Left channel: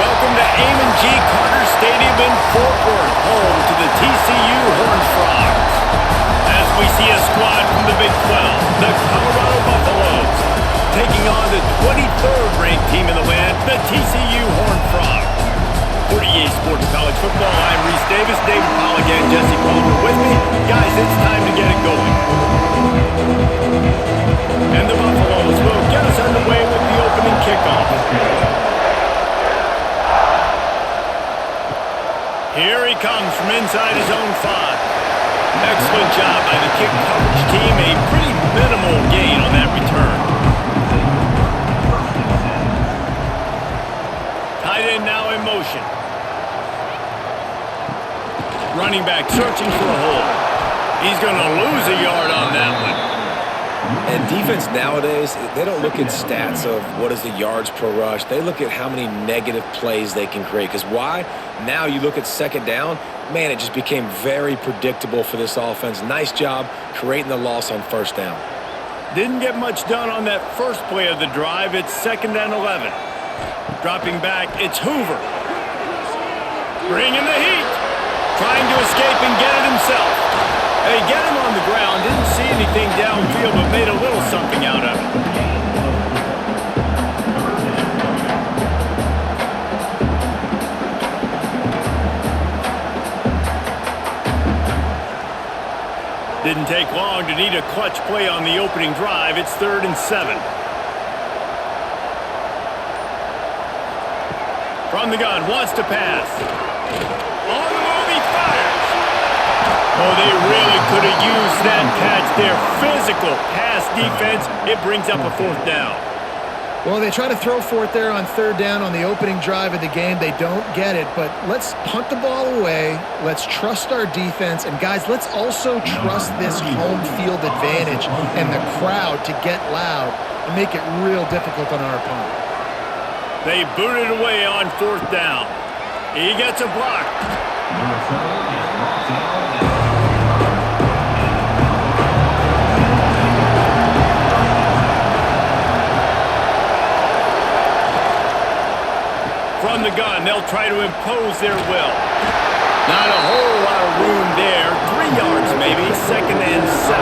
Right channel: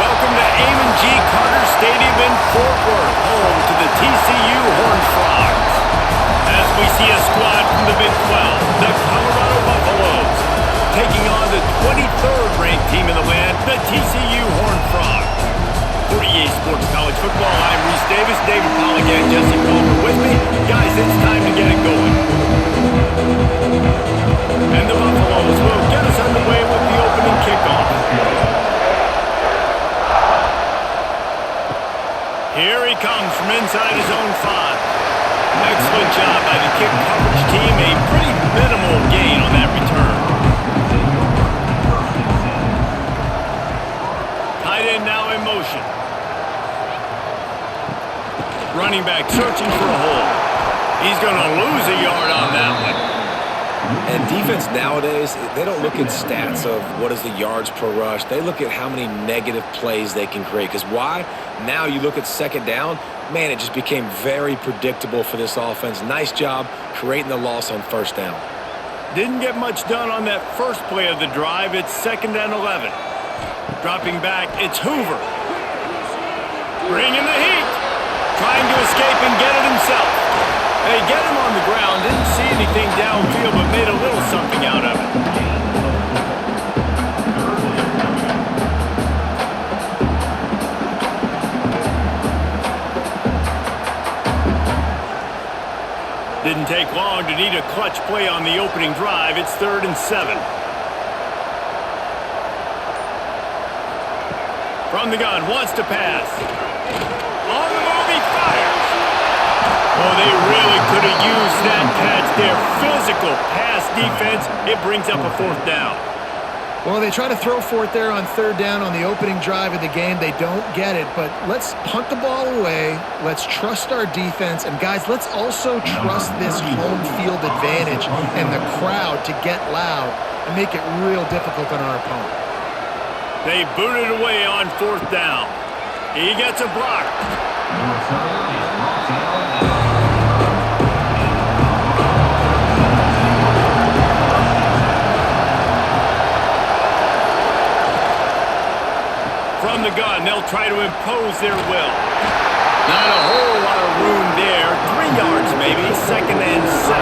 Welcome to Amon G. Carter Stadium in Fort Worth, home to the TCU Horned Frogs. As we see a squad from the Big 12, the Colorado Buffaloes, taking on the 23rd ranked team in the land, the TCU Horned Frogs. For EA Sports College Football, I'm Reese Davis, David Pollack, and Jesse Palmer with me. Guys, it's time to get it going. And the Buffaloes will get us underway with the opening kickoff. Here he comes from inside his own 5. Excellent job by the kick coverage team. A pretty minimal gain on that return. Tight end now in motion. Running back searching for a hole. He's going to lose a yard on that one. And defense nowadays, they don't look at stats of what is the yards per rush. They look at how many negative plays they can create. Because why? Now you look at second down, man, it just became very predictable for this offense. Nice job creating the loss on first down. Didn't get much done on that first play of the drive. It's 2nd and 11. Dropping back, it's Hoover. Bringing the heat. Trying to escape and get it himself. They get him on the ground, didn't see anything downfield, but made a little something out of it. Didn't take long to need a clutch play on the opening drive. It's 3rd and 7. From the gun, wants to pass. On the move, he fires. Oh, they really could have used that catch there. Physical pass defense. It brings up a 4th down. Well, they try to throw for it there on 3rd down on the opening drive of the game. They don't get it, but let's punt the ball away. Let's trust our defense. And, guys, let's also trust this home field advantage and the crowd to get loud and make it real difficult on our opponent. They boot it away on 4th down. He gets a block. The return is brought down. From the gun, they'll try to impose their will. Not a whole lot of room there. 3 yards maybe, 2nd and 7.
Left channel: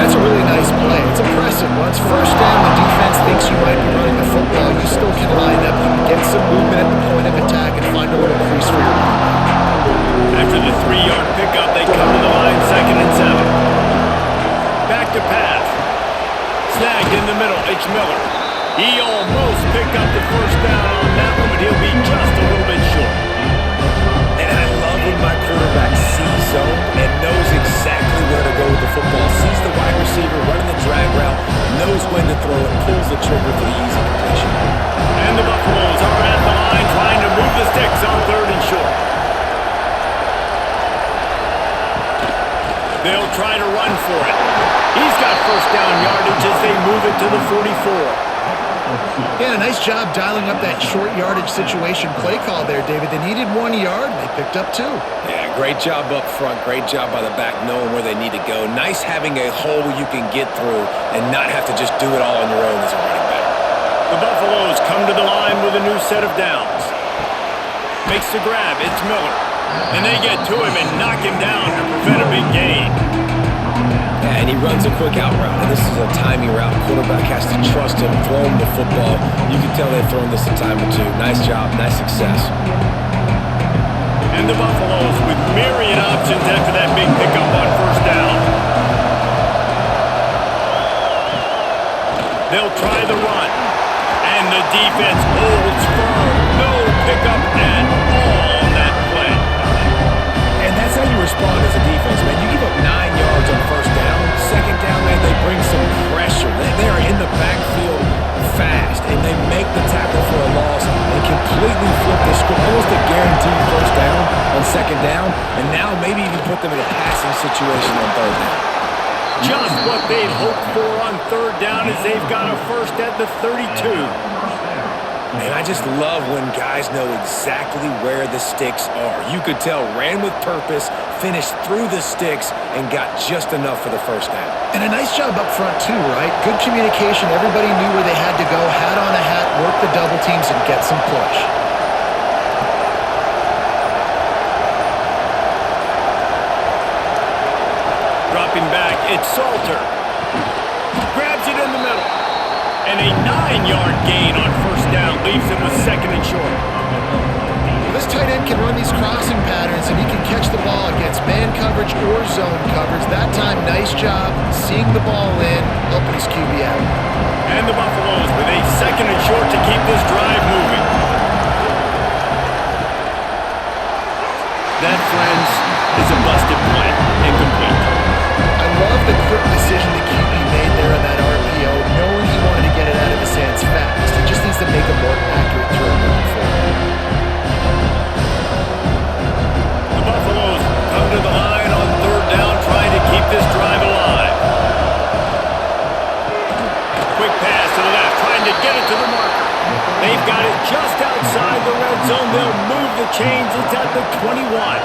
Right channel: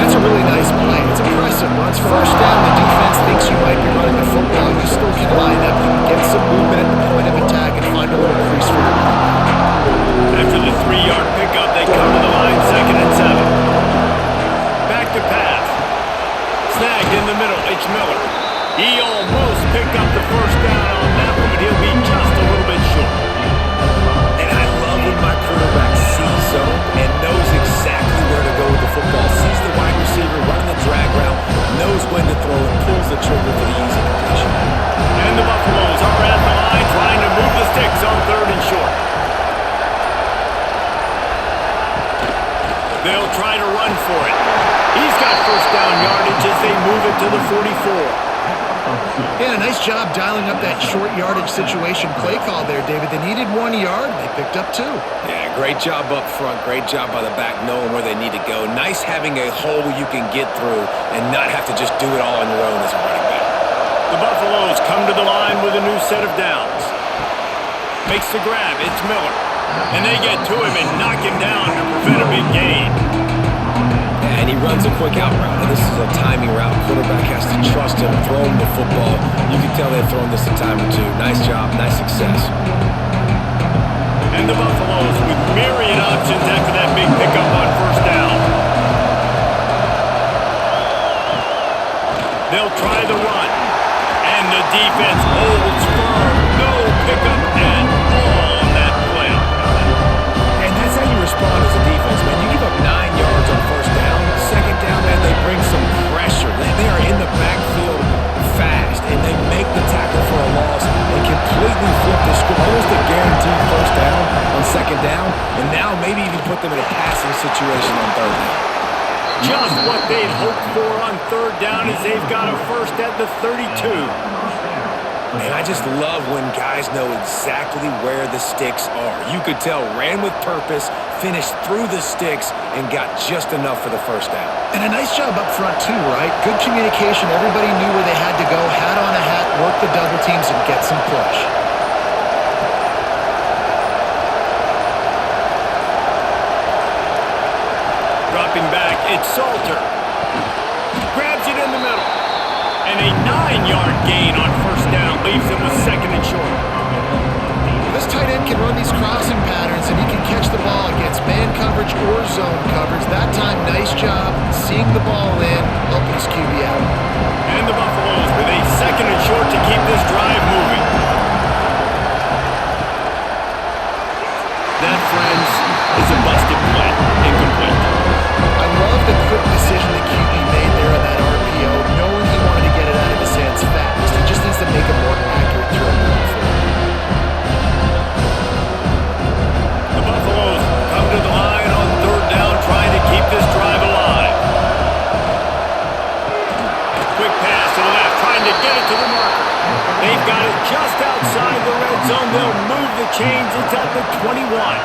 That's a really nice play. It's impressive. Once first down, the defense thinks you might be running the football. You still can line up. You can get some movement at the point of attack and find a little crease for your running. After the 3-yard pickup, they come to the line, 2nd and 7. Back to pass. Snagged in the middle, it's Miller. He almost picked up the first down on that one, but he'll be just a little bit short. And I love when my quarterback sees zone and knows exactly where to go with the football. Sees the wide receiver running the drag route, knows when to throw and pulls the trigger for the easy completion. And the Buffaloes are at the line trying to move the sticks on 3rd and short. They'll try to run for it. He's got first down yardage as they move it to the 44. Yeah, a nice job dialing up that short yardage situation play call there, David. They needed 1 yard, and they picked up 2. Yeah, great job up front. Great job by the back knowing where they need to go. Nice having a hole you can get through and not have to just do it all on your own as a running back. The Buffaloes come to the line with a new set of downs. Makes the grab, it's Miller. And they get to him and knock him down to prevent a big gain. Yeah, and he runs a quick out route. And this is a timing route. Quarterback has to trust him, throw him the football. You can tell they've thrown this a time or two. Nice job, nice success. And the Buffaloes with myriad options after that big pickup on first down. They'll try the run. And the defense holds firm. No pickup at all on that play. And that's how you respond as a defense, man. You give up 9 yards on first down. Second down, man, they bring some pressure. They are in the backfield fast, and they make the tackle for a loss and completely flip the script. Almost a guaranteed first down on second down, and now maybe even put them in a passing situation on 3rd down. Just what they'd hoped for on 3rd down as they've got a first at the 32. And I just love when guys know exactly where the sticks are. You could tell ran with purpose, finished through the sticks and got just enough for the first down. And a nice job up front too, right? Good communication. Everybody knew where they had to go, hat on a hat, work the double teams, and get some push. Dropping back, it's Salter. Grabs it in the middle. And a 9-yard gain on first down leaves him with second and short. This tight end can run these crossing patterns, and he can catch the ball against man coverage or zone coverage. That time, nice job seeing the ball in, helping his QB out. And the Buffaloes with a second and short to keep this drive moving. That, friends, is a busted play. Incomplete. I love the quick decision the QB made there on that RPO, knowing he wanted to get it out of his hands fast. He just needs to make a more accurate throw moving forward. The Buffaloes come to the line on third down, trying to keep this drive alive. Quick pass to the left, trying to get it to the marker. They've got it just outside the red zone. They'll move the chains. It's at the 21.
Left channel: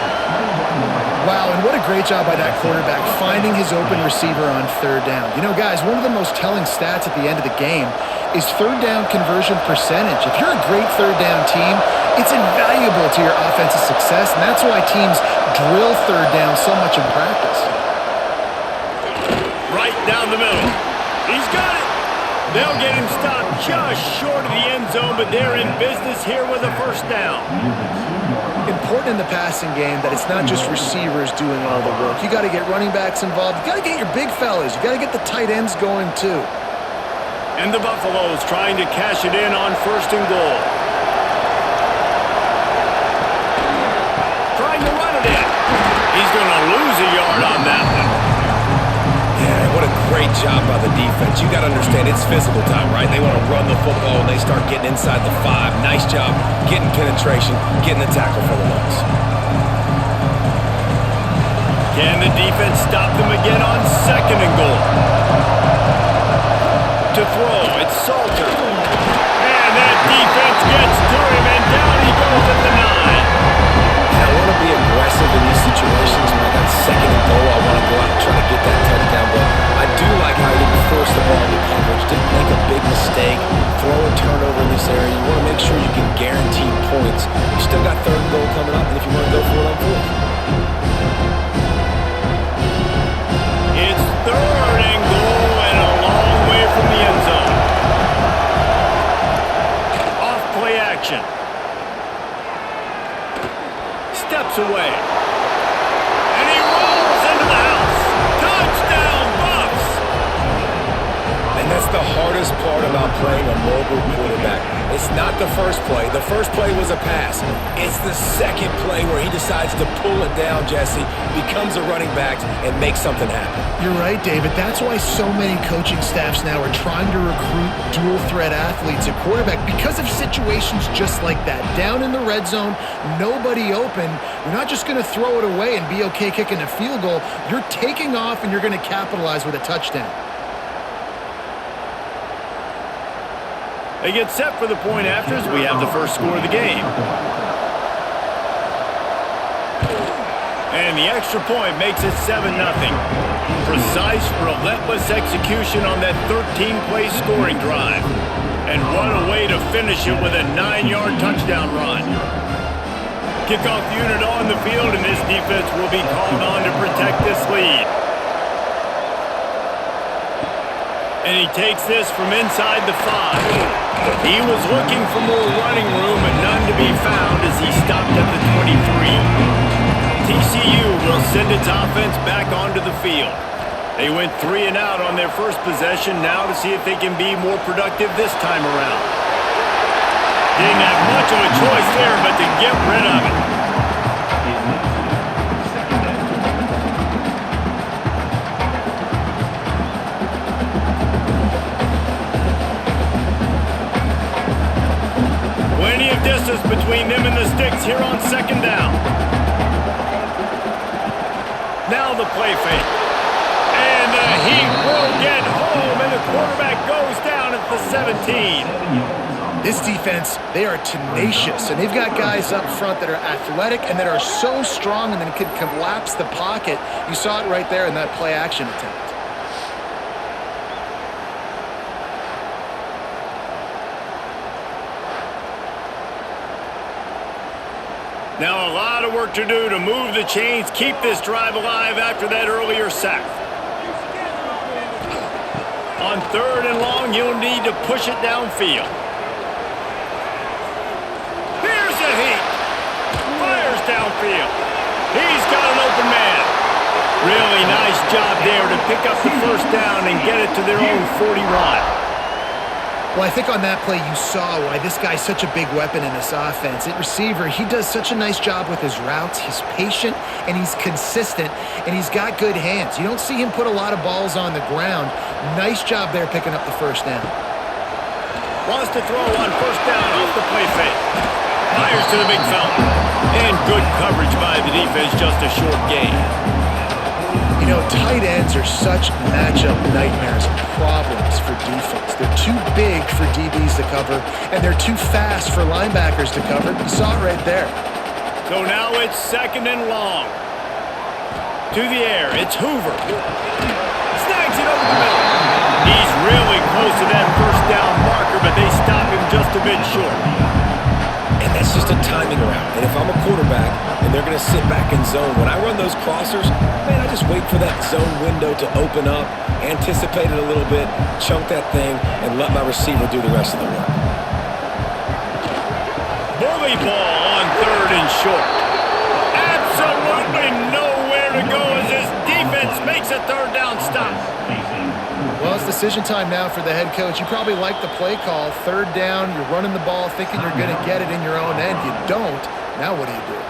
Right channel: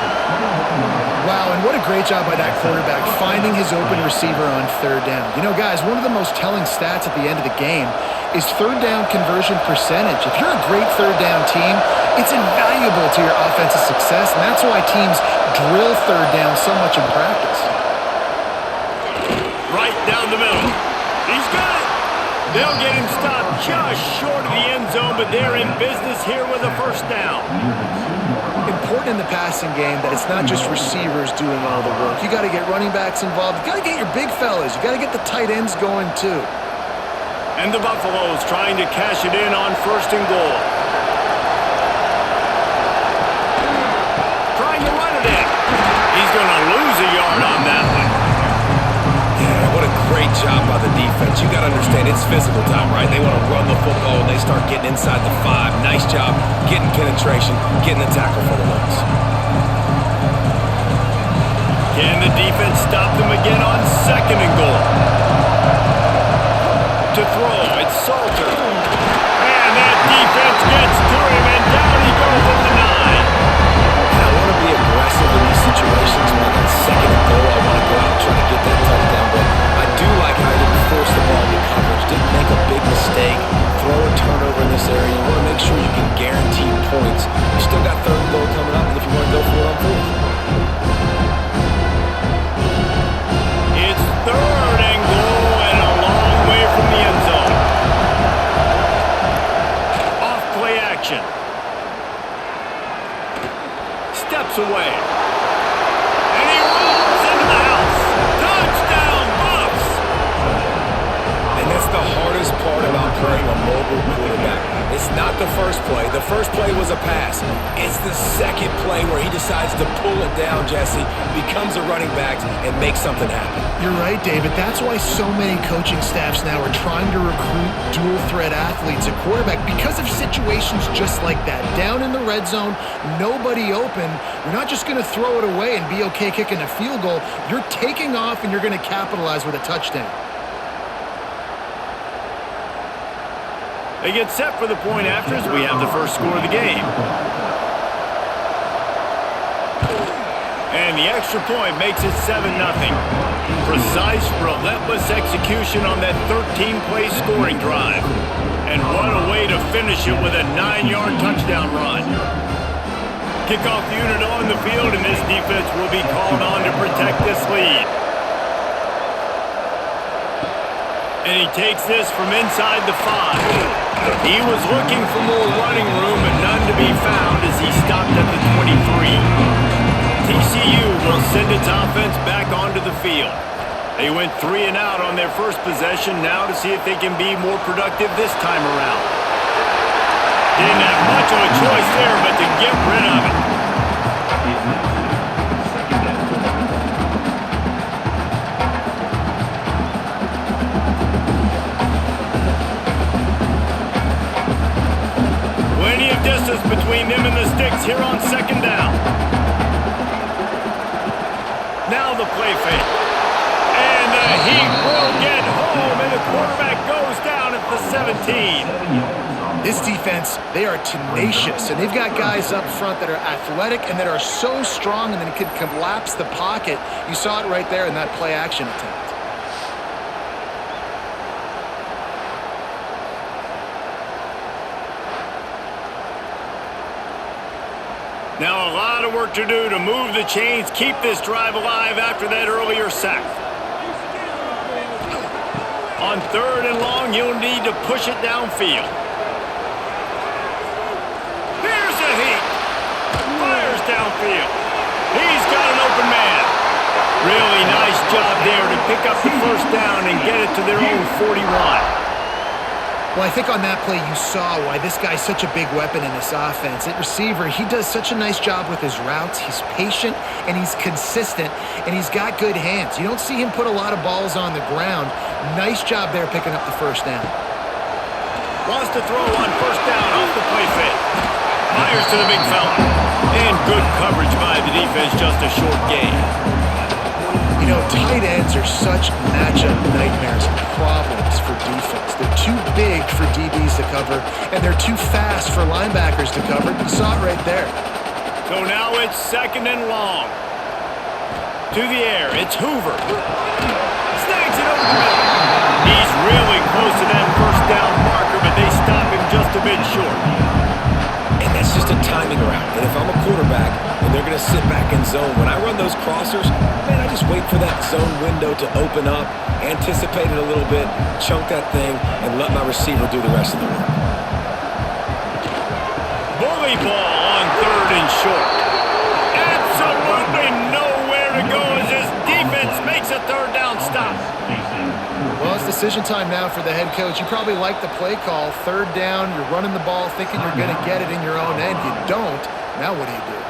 Wow, and what a great job by that quarterback finding his open receiver on third down. You know, guys, one of the most telling stats at the end of the game is third down conversion percentage. If you're a great third down team, it's invaluable to your offensive success, and that's why teams drill third down so much in practice. Right down the middle. He's got it. They'll get him stopped just short of the end zone, but they're in business here with a first down. Important in the passing game that it's not just receivers doing all the work. You got to get running backs involved. You got to get your big fellas. You got to get the tight ends going too. And the Buffaloes trying to cash it in on first and goal. Trying to run it in. He's going to lose a yard on that one. Yeah, what a great job by the defense. You got to understand, it's physical time, right? They want to run the football and they start getting inside the 5. Nice job getting penetration, getting the tackle for the loss. Can the defense stop them again on second and goal? To throw, it's Salter. And that defense gets to him, and down he goes at the 9. And I want to be aggressive in these situations. When I got second and goal, I want to go out and try to get that touchdown. But I do like how he didn't force the ball into coverage, didn't make a big mistake, throw a turnover in this area. You want to make sure you can guarantee points. You still got third and goal coming up, and if you want to go for it on fourth. It's third and goal and a long way from the end zone. Off play action. Steps away. And he rolls into the house. Touchdown, Buffs! And that's the hardest part about playing a mobile quarterback. It's not the first play. The first play was a pass. It's the second play where he decides to pull it down, Jesse, becomes a running back, and makes something happen. You're right, David. That's why so many coaching staffs now are trying to recruit dual-threat athletes at quarterback because of situations just like that. Down in the red zone, nobody open. You're not just going to throw it away and be okay kicking a field goal. You're taking off, and you're going to capitalize with a touchdown. They get set for the point after as we have the first score of the game. And the extra point makes it 7-0. Precise, relentless execution on that 13-play scoring drive. And what a way to finish it with a 9-yard touchdown run. Kickoff unit on the field, and this defense will be called on to protect this lead. And he takes this from inside the 5. He was looking for more running room, but none to be found as he stopped at the 23. TCU will send its offense back onto the field. They went 3 and out on their first possession, now to see if they can be more productive this time around. Didn't have much of a choice there, but to get rid of it. Plenty of distance between them and the sticks here on second down. Now the play fake. And the Heat will get home, and the quarterback goes down at the 17. This defense, they are tenacious, and they've got guys up front that are athletic and that are so strong and then can collapse the pocket. You saw it right there in that play-action attempt. Now a lot of work to do to move the chains, keep this drive alive after that earlier sack. On 3rd and long, you'll need to push it downfield. Here's the Heat. Fires downfield. He's got an open man. Really nice job there to pick up the first down and get it to their own 41. Well, I think on that play you saw why this guy's such a big weapon in this offense. At receiver, he does such a nice job with his routes. He's patient, and he's consistent, and he's got good hands. You don't see him put a lot of balls on the ground. Nice job there picking up the first down. Wants to throw on first down off the play fake. Fires to the big fella. And good coverage by the defense, just a short gain. You know, tight ends are such matchup nightmares and problems for defense. They're too big for DBs to cover, and they're too fast for linebackers to cover. You saw it right there. So now it's 2nd and long. To the air, it's Hoover. Snags it over the middle. He's really close to that first down marker, but they stop him just a bit short. And that's just a timing route. And if I'm a quarterback and they're going to sit back in zone, when I run those crossers, man, I just wait for that zone window to open up, anticipate it a little bit, chunk that thing, and let my receiver do the rest of the work. Bully ball on 3rd and short. Absolutely nowhere to go as this defense makes a 3rd down stop. Well, it's decision time now for the head coach. You probably like the play call. 3rd down, you're running the ball thinking you're going to get it in your own end. You don't. Now what do you do?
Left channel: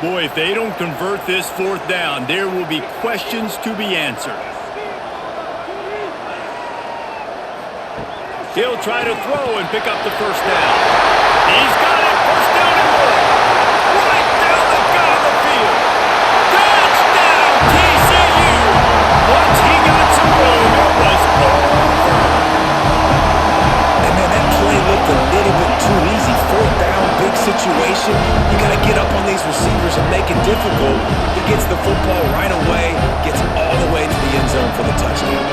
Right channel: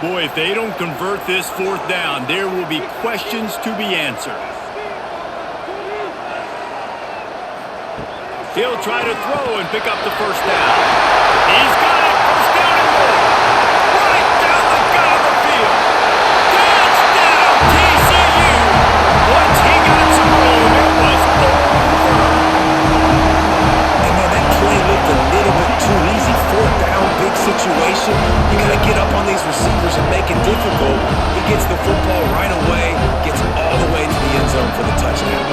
Boy, if they don't convert this 4th down, there will be questions to be answered. He'll try to throw and pick up the first down. He's got it. First down and more. Right down the gut of the field. Touchdown, TCU. Once he got some room, it was over. And man, that play looked a little bit too easy. 4th down, big situation. You got to get up on these receivers and make it difficult. He gets the football right away, gets all the way to the end zone for the touchdown.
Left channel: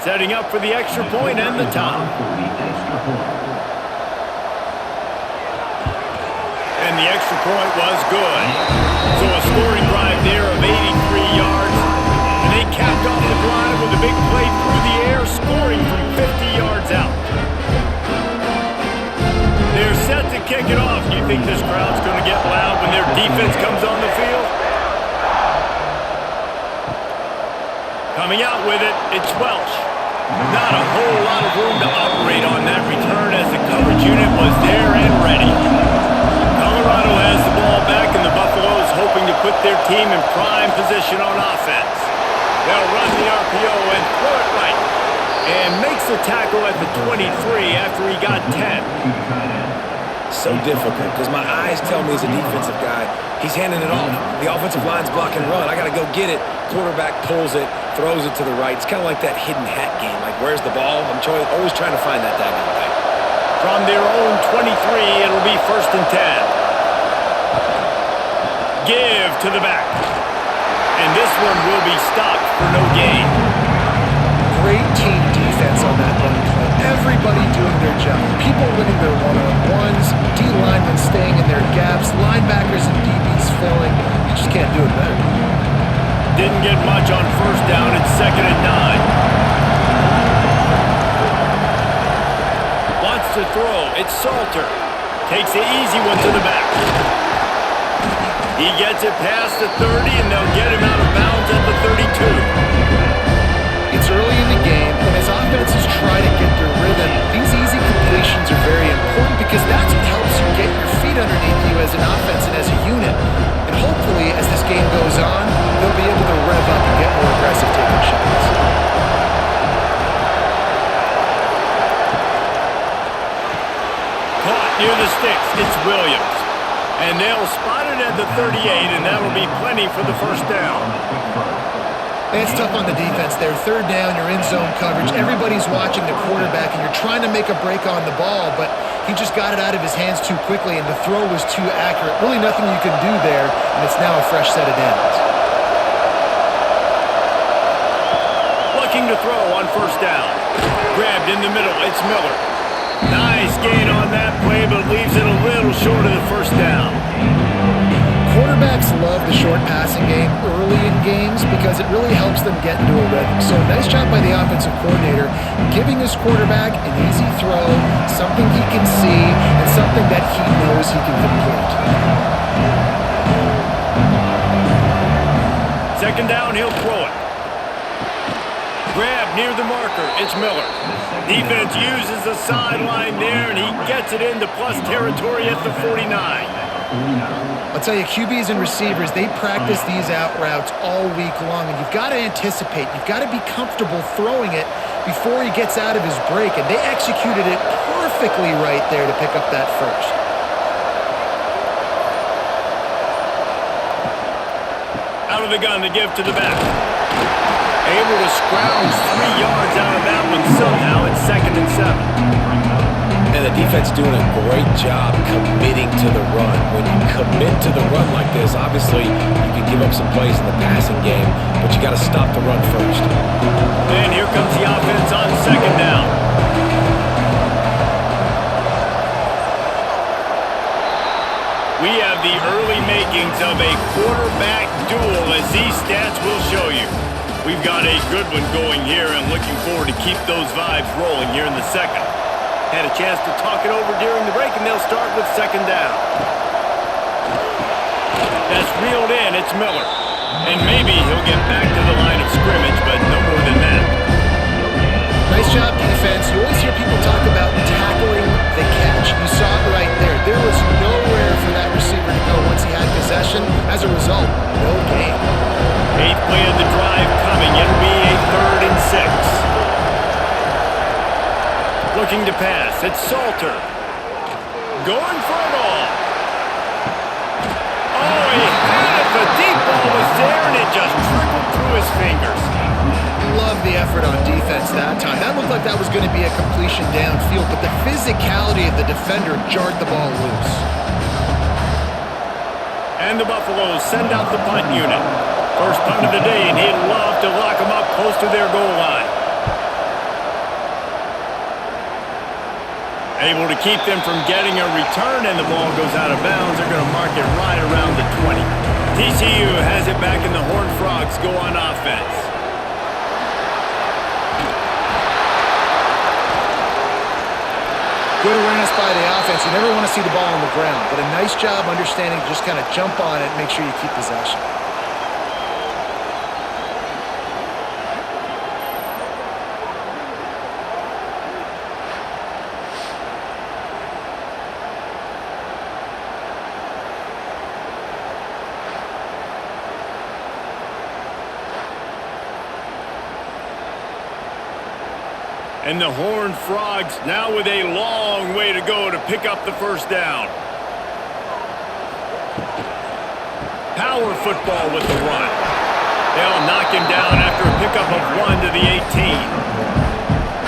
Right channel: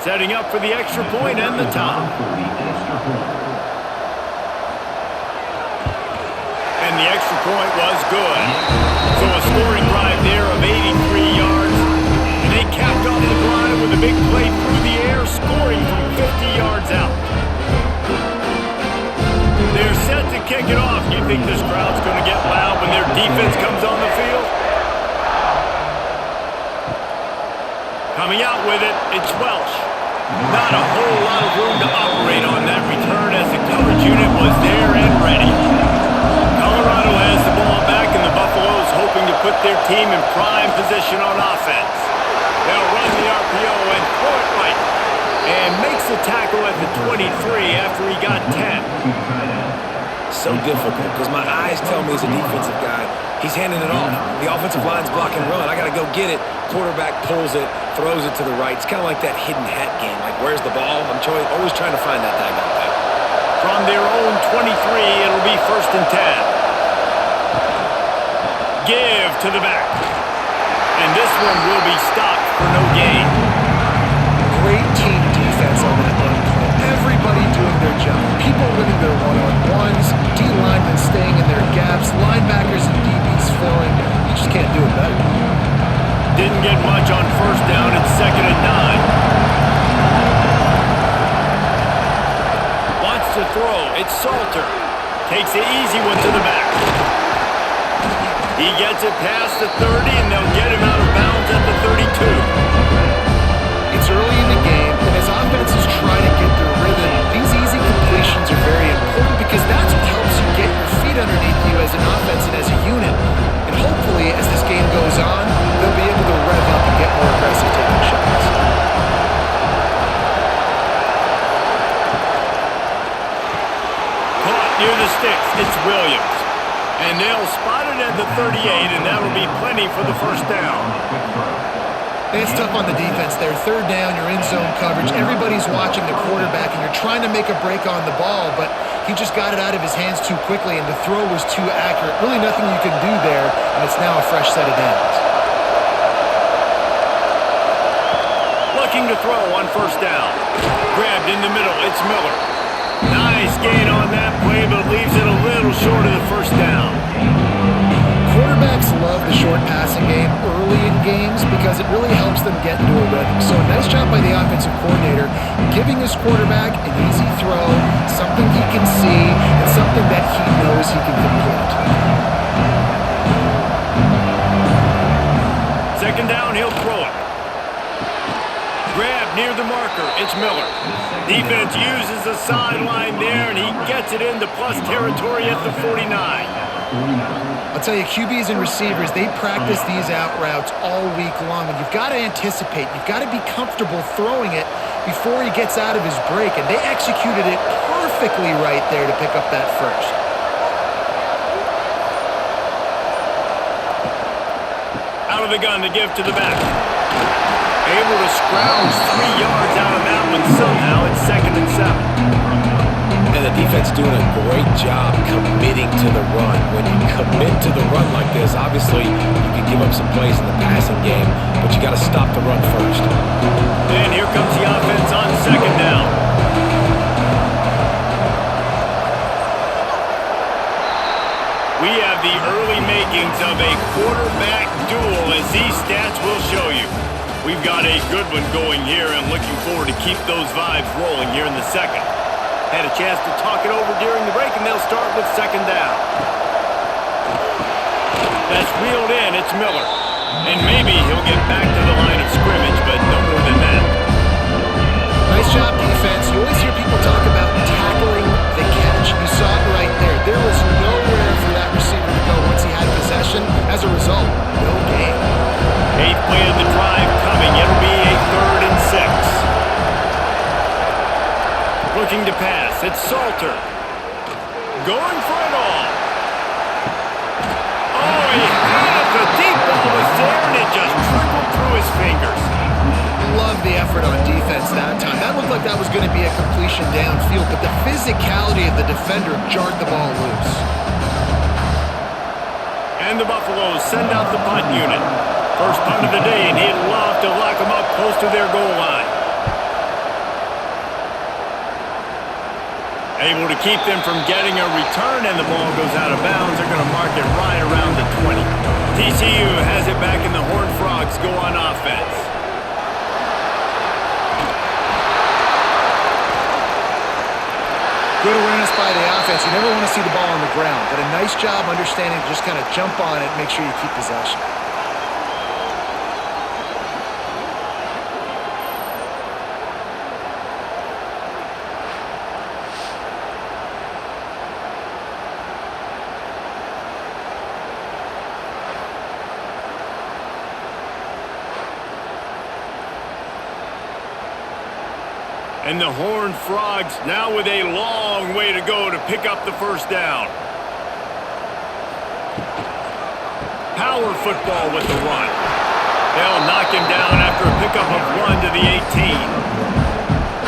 Setting up for the extra point and the top. And the extra point was good. So a scoring drive there of 83 yards. And they capped off the drive with a big play through the air, scoring from 50 yards out. They're set to kick it off. Do you think this crowd's going to get loud when their defense comes on the field? Coming out with it, it's Welsh. Not a whole lot of room to operate on that return as the coverage unit was there and ready. Colorado has the ball back, and the Buffaloes hoping to put their team in prime position on offense. They'll run the RPO and throw it right. And makes the tackle at the 23 after he got 10. So difficult because my eyes tell me as a defensive guy, he's handing it off. The offensive line's block and run. I got to go get it. Quarterback pulls it, throws it to the right. It's kind of like that hidden hat game. Like, where's the ball? I'm always trying to find that daggone thing. From their own 23, it'll be 1st and 10. Give to the back. And this one will be stopped for no gain. Great team defense on that run play. Everybody doing their job. People winning their one-on-ones, D linemen staying in their gaps, linebackers and DBs filling. You just can't do it better. Didn't get much on first down. It's 2nd and 9. Wants to throw. It's Salter. Takes the easy one to the back. He gets it past the 30, and they'll get him out of bounds at the 32. It's early in the game, and as offenses try to get their rhythm, these easy completions are very important because that's what helps you get your feet underneath you as an offense and as a unit. And hopefully, as this game goes on, they'll be able to rev up and get more aggressive taking shots. Caught near the sticks, it's Williams. And they'll spot it at the 38, and that'll be plenty for the first down. It's tough on the defense there. Third down, you're in zone coverage. Everybody's watching the quarterback, and you're trying to make a break on the ball, but he just got it out of his hands too quickly, and the throw was too accurate. Really nothing you can do there, and it's now a fresh set of downs. Looking to throw on first down. Grabbed in the middle, it's Miller. Nice gain on that play, but leaves it a little short of the first down. Quarterbacks love the short passing game early in games because it really helps them get into a rhythm. So a nice job by the offensive coordinator giving his quarterback an easy throw, something he can see, and something that he knows he can complete. Second down, he'll throw it. Grab near the marker, it's Miller. Defense uses the sideline there, and he gets it into plus territory at the 49. I'll tell you, QBs and receivers, they practice these out routes all week long, and you've got to anticipate. You've got to be comfortable throwing it before he gets out of his break, and they executed it perfectly right there to pick up that first. Out of the gun to give to the back. Able to scrounge 3 yards out of that one somehow. It's 2nd and 7. And the defense doing a great job committing to the run. When you commit to the run like this, obviously you can give up some plays in the passing game, but you got to stop the run first. And here comes the offense on second down. We have the early makings of a quarterback duel, as these stats will show you. We've got a good one going here, and looking forward to keep those vibes rolling here in the second. Had a chance to talk it over during the break, and they'll start with second down. That's reeled in. It's Miller. And maybe he'll get back to the line of scrimmage, but no more than that. Nice job, defense. You always hear people talk about tackling the catch. You saw it right there. There was nowhere for that receiver to go once he had possession. As a result, no gain. 8th play of the drive coming. It'll be a 3rd and 6. Looking to pass. It's Salter. Going for it all. Oh, he had it. The deep ball was there, and it just trickled through his fingers. Love the effort on defense that time. That looked like that was going to be a completion downfield, but the physicality of the defender jarred the ball loose. And the Buffaloes send out the punt unit. First punt of the day, and he'd love to lock them up close to their goal line. Able to keep them from getting a return, and the ball goes out of bounds. They're going to mark it right around the 20. TCU has it back, and the Horned Frogs go on offense. Good awareness by the offense. You never want to see the ball on the ground, but a nice job understanding to just kind of jump on it and make sure you keep possession. And the Horned Frogs now with a long way to go to pick up the first down. Power football with the run. They'll knock him down after a pickup of 1 to the 18.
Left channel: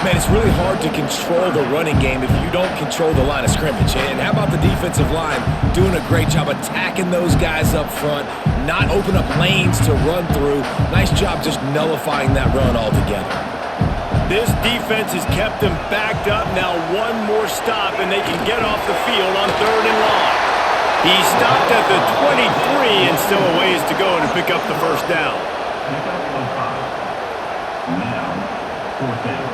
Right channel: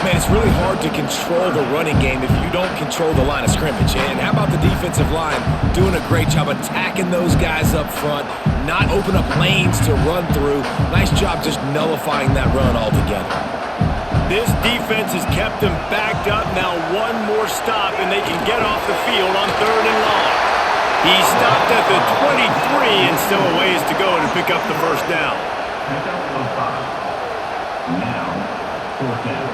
Man, it's really hard to control the running game if you don't control the line of scrimmage. And how about the defensive line doing a great job attacking those guys up front, not open up lanes to run through. Nice job just nullifying that run altogether. This defense has kept them backed up. Now one more stop, and they can get off the field on 3rd and long. He stopped at the 23 and still a ways to go to pick up the first down. Pickup of 5. Now, 4th down.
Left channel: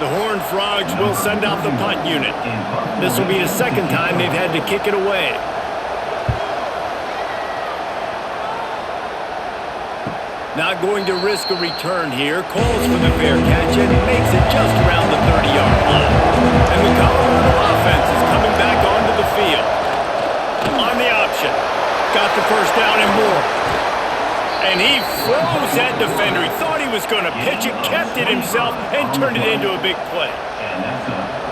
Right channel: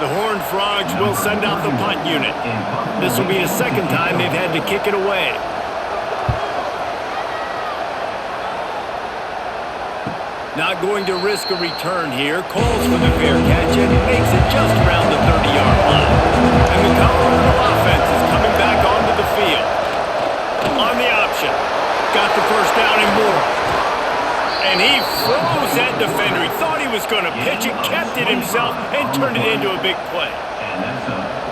The Horned Frogs will send out the punt unit. This will be the second time they've had to kick it away. Not going to risk a return here. Calls for the fair catch and makes it just around the 30-yard line. And the Colorado offense is coming back onto the field. On the option. Got the first down and more. And he froze that defender. He thought he was going to pitch it, kept it himself, and turned it into a big play.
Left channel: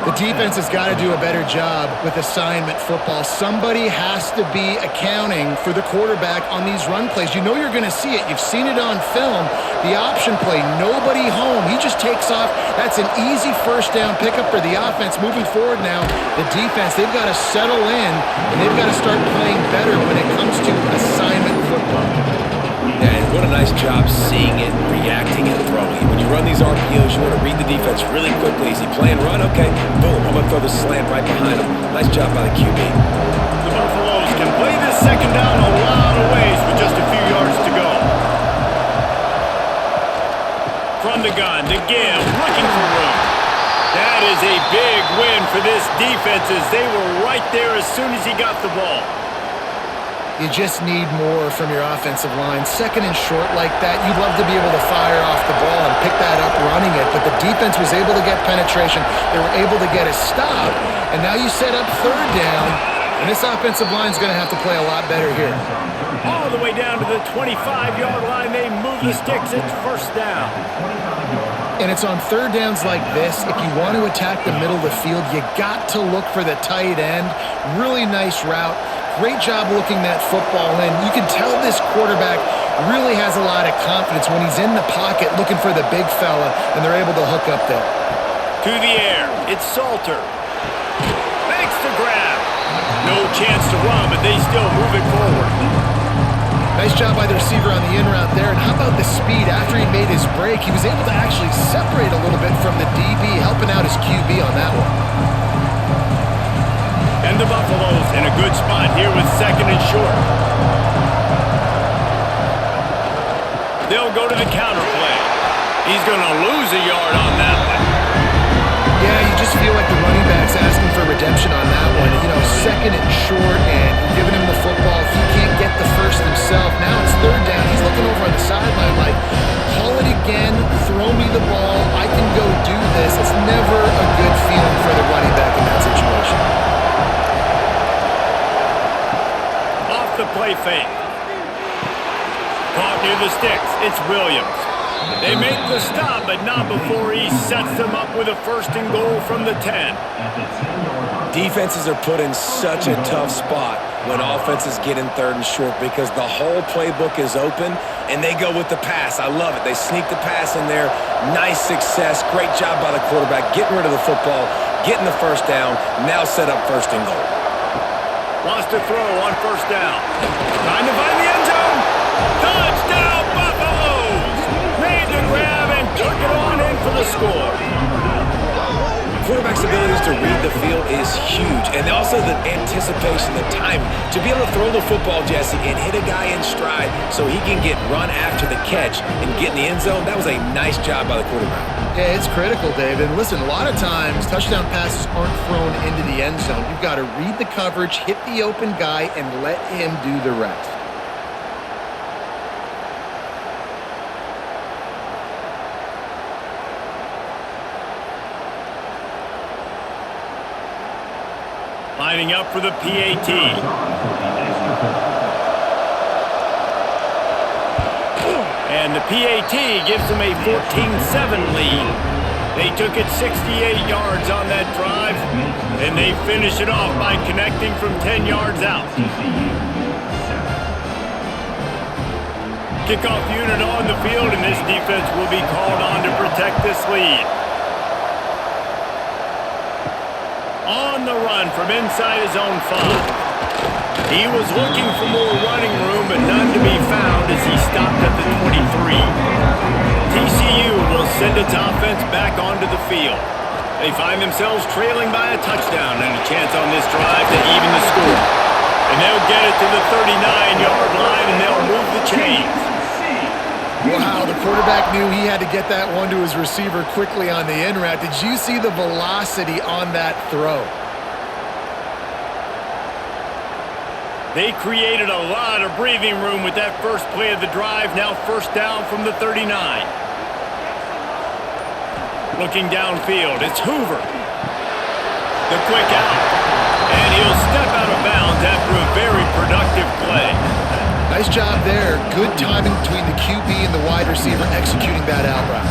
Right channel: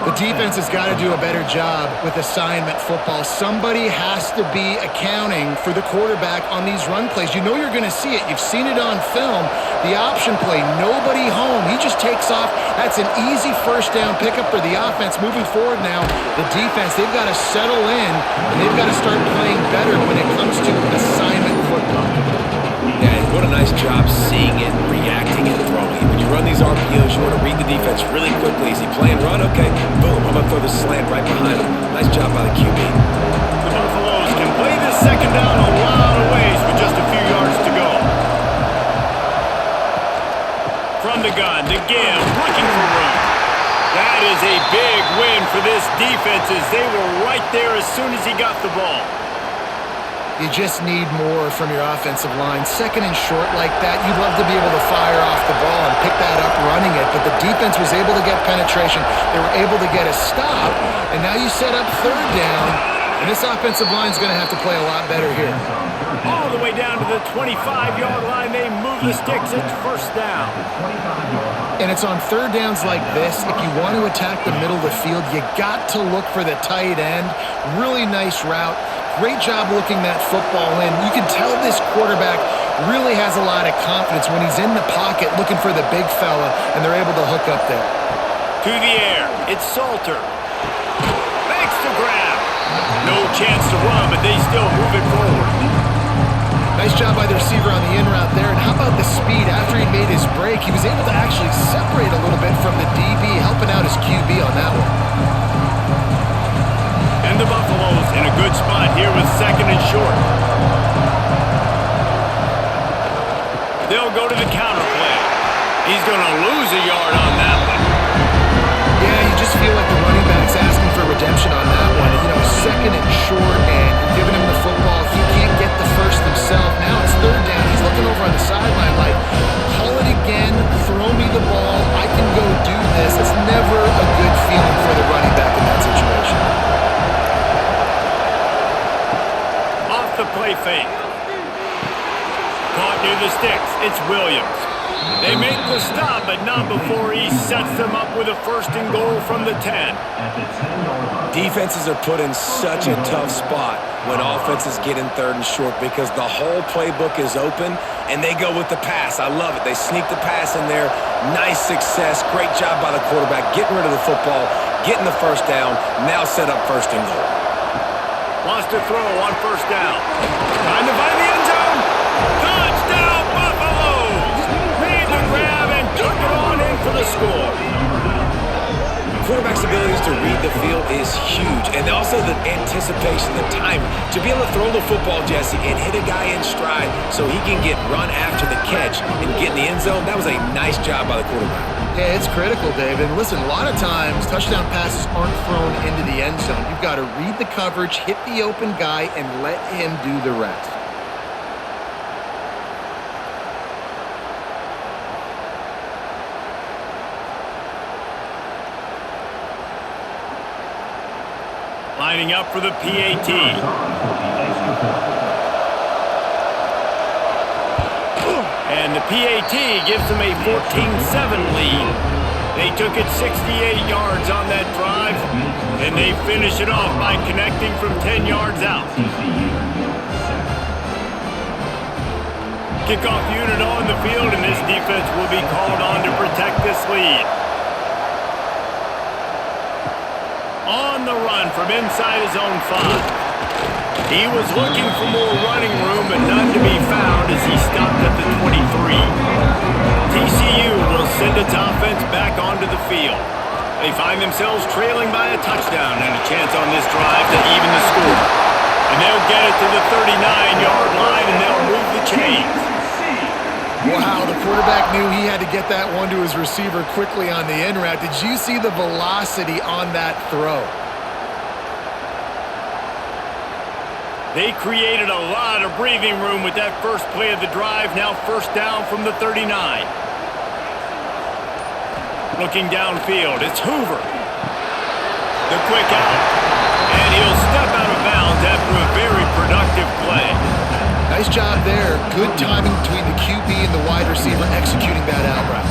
The defense has got to do a better job with assignment football. Somebody has to be accounting for the quarterback on these run plays. You know you're going to see it. You've seen it on film. The option play, nobody home. He just takes off. That's an easy first down pickup for the offense. Moving forward now, the defense, they've got to settle in, and they've got to start playing better when it comes to assignment football. Yeah, and what a nice job seeing it, reacting, and throwing. When you run these RPOs, you want to read the defense really quickly. Is he playing run? Okay, boom, I'm going to throw the slant right behind him. Nice job by the QB. The Buffaloes can play this second down a lot of ways with just a few yards to go. From the gun to give, looking for room. That is a big win for this defense as they were right there as soon as he got the ball. You just need more from your offensive line. Second and short like that, you'd love to be able to fire off the ball and pick that up running it, but the defense was able to get penetration. They were able to get a stop, and now you set up third down, and this offensive line is going to have to play a lot better here. All the way down to the 25-yard line, they move the sticks. It's first down. And it's on third downs like this. If you want to attack the middle of the field, you got to look for the tight end. Really nice route. Great job looking that football in. You can tell this quarterback really has a lot of confidence when he's in the pocket looking for the big fella, and they're able to hook up there. To the air. It's Salter. Makes the grab. No chance to run, but they still move it forward. Nice job by the receiver on the in route there. And how about the speed? After he made his break, he was able to actually separate a little bit from the DB, helping out his QB on that one. And the Buffaloes in a good spot here with second and short. They'll go to the counter play. He's going to lose a yard on that one. Yeah, you just feel like the running back's asking for redemption on that one. You know, second and short, and you're giving him the football. He can't get the first himself. Now it's third down. He's looking over on the sideline like, call it again, throw me the ball, I can go do this. It's never a good feeling for the running back in that situation. Off the play fake. Caught near the sticks. It's Williams. They make the stop, but not before he sets them up with a first and goal from the 10. Defenses are put in such a tough spot when offenses get in third and short because the whole playbook is open and they go with the pass. I love it. They sneak the pass in there. Nice success. Great job by the quarterback getting rid of the football, getting the first down, now set up first and goal. Wants to throw on first down. Trying to find the end zone. Touchdown, Buffaloes! Made the grab and took it on in for the score. Quarterback's abilities to read the field is huge, and also the anticipation, the timing. To be able to throw the football, Jesse, and hit a guy in stride so he can get run after the catch and get in the end zone, that was a nice job by the quarterback. Yeah, it's critical, David. And listen, a lot of times touchdown passes aren't thrown into the end zone. You've got to read the coverage, hit the open guy, and let him do the rest. Lining up for the PAT. And the PAT gives them a 14-7 lead. They took it 68 yards on that drive, and they finish it off by connecting from 10 yards out. Kickoff unit on the field, and this defense will be called on to protect this lead. On the run from inside his own 5. He was looking for more running room, but none to be found as he stopped at the 23. TCU will send its offense back onto the field. They find themselves trailing by a touchdown and a chance on this drive to even the score. And they'll get it to the 39-yard line, and they'll move the chains. Wow, the quarterback knew he had to get that one to his receiver quickly on the in route. Did you see the velocity on that throw? They created a lot of breathing room with that first play of the drive. Now first down from the 39. Looking downfield, it's Hoover. The quick out. And he'll step out of bounds after a very productive play. Nice job there. Good timing between the QB and the wide receiver executing that out route.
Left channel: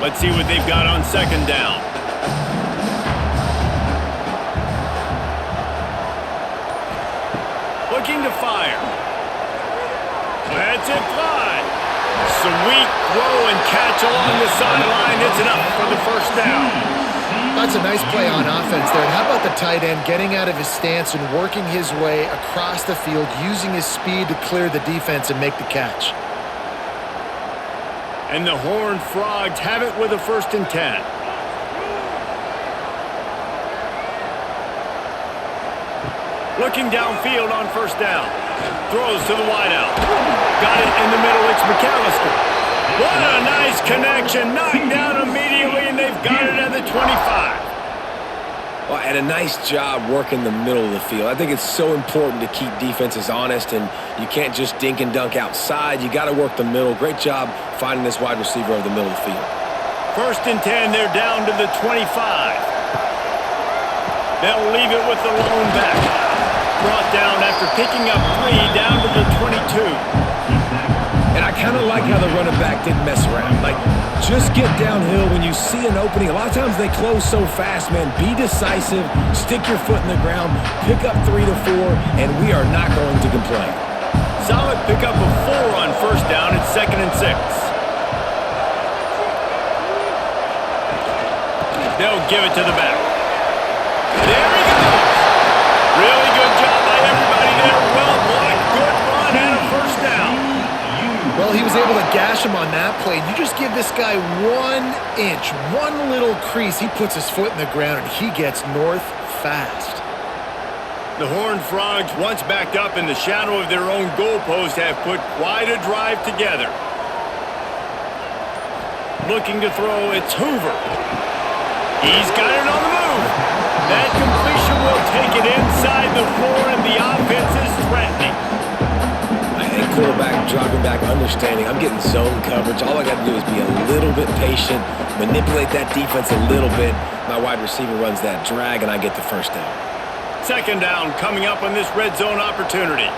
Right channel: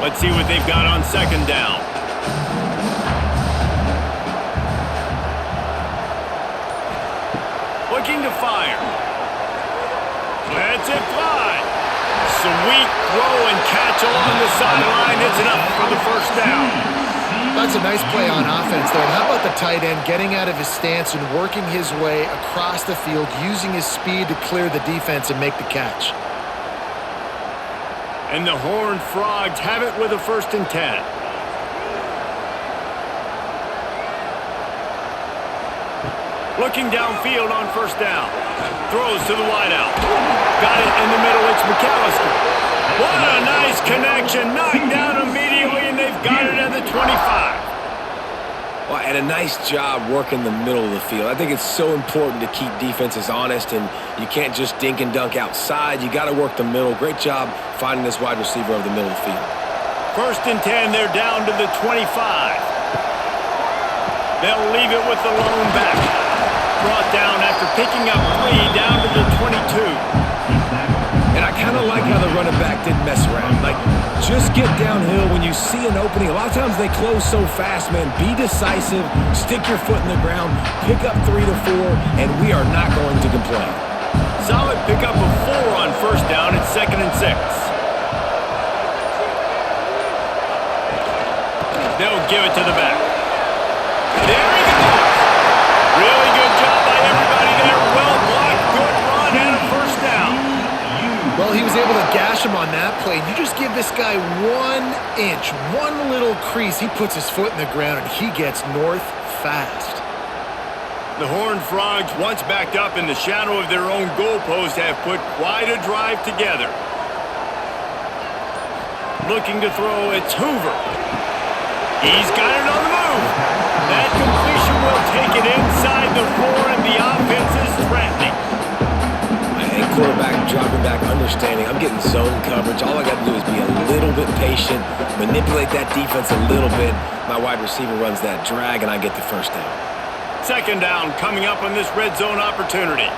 Let's see what they've got on second down. Looking to fire. Lets it fly. Sweet throw and catch along the sideline. It's enough for the first down. That's a nice play on offense there. And how about the tight end getting out of his stance and working his way across the field, using his speed to clear the defense and make the catch. And the Horned Frogs have it with a 1st and 10. Looking downfield on first down. Throws to the wideout. Got it in the middle. It's McAllister. What a nice connection. Knocked down immediately, and they've got it at the 25. Well, and a nice job working the middle of the field. I think it's so important to keep defenses honest, and you can't just dink and dunk outside. You got to work the middle. Great job finding this wide receiver over the middle of the field. 1st and 10, they're down to the 25. They'll leave it with the lone back. Brought down after picking up 3 down to the 22. And I kind of like how the running back didn't mess around. Like, just get downhill when you see an opening. A lot of times they close so fast, man. Be decisive, stick your foot in the ground, pick up 3 to 4, and we are not going to complain. Solid pickup of 4 on first down. It's 2nd and 6. They'll give it to the back. There he goes. Really good job by everybody there. Well blocked, good run, and a first down. Well, he was able to gash him on that play. You just give this guy 1 inch, one little crease. He puts his foot in the ground, and he gets north fast. The Horned Frogs, once backed up in the shadow of their own goalpost, have put quite a drive together. Looking to throw, it's Hoover. He's got it on the move. That completion will take it inside the 4, and the offense is threatening. Any quarterback dropping back, understanding I'm getting zone coverage. All I got to do is be a little bit patient, manipulate that defense a little bit. My wide receiver runs that drag, and I get the first down. 2nd down coming up on this red zone opportunity.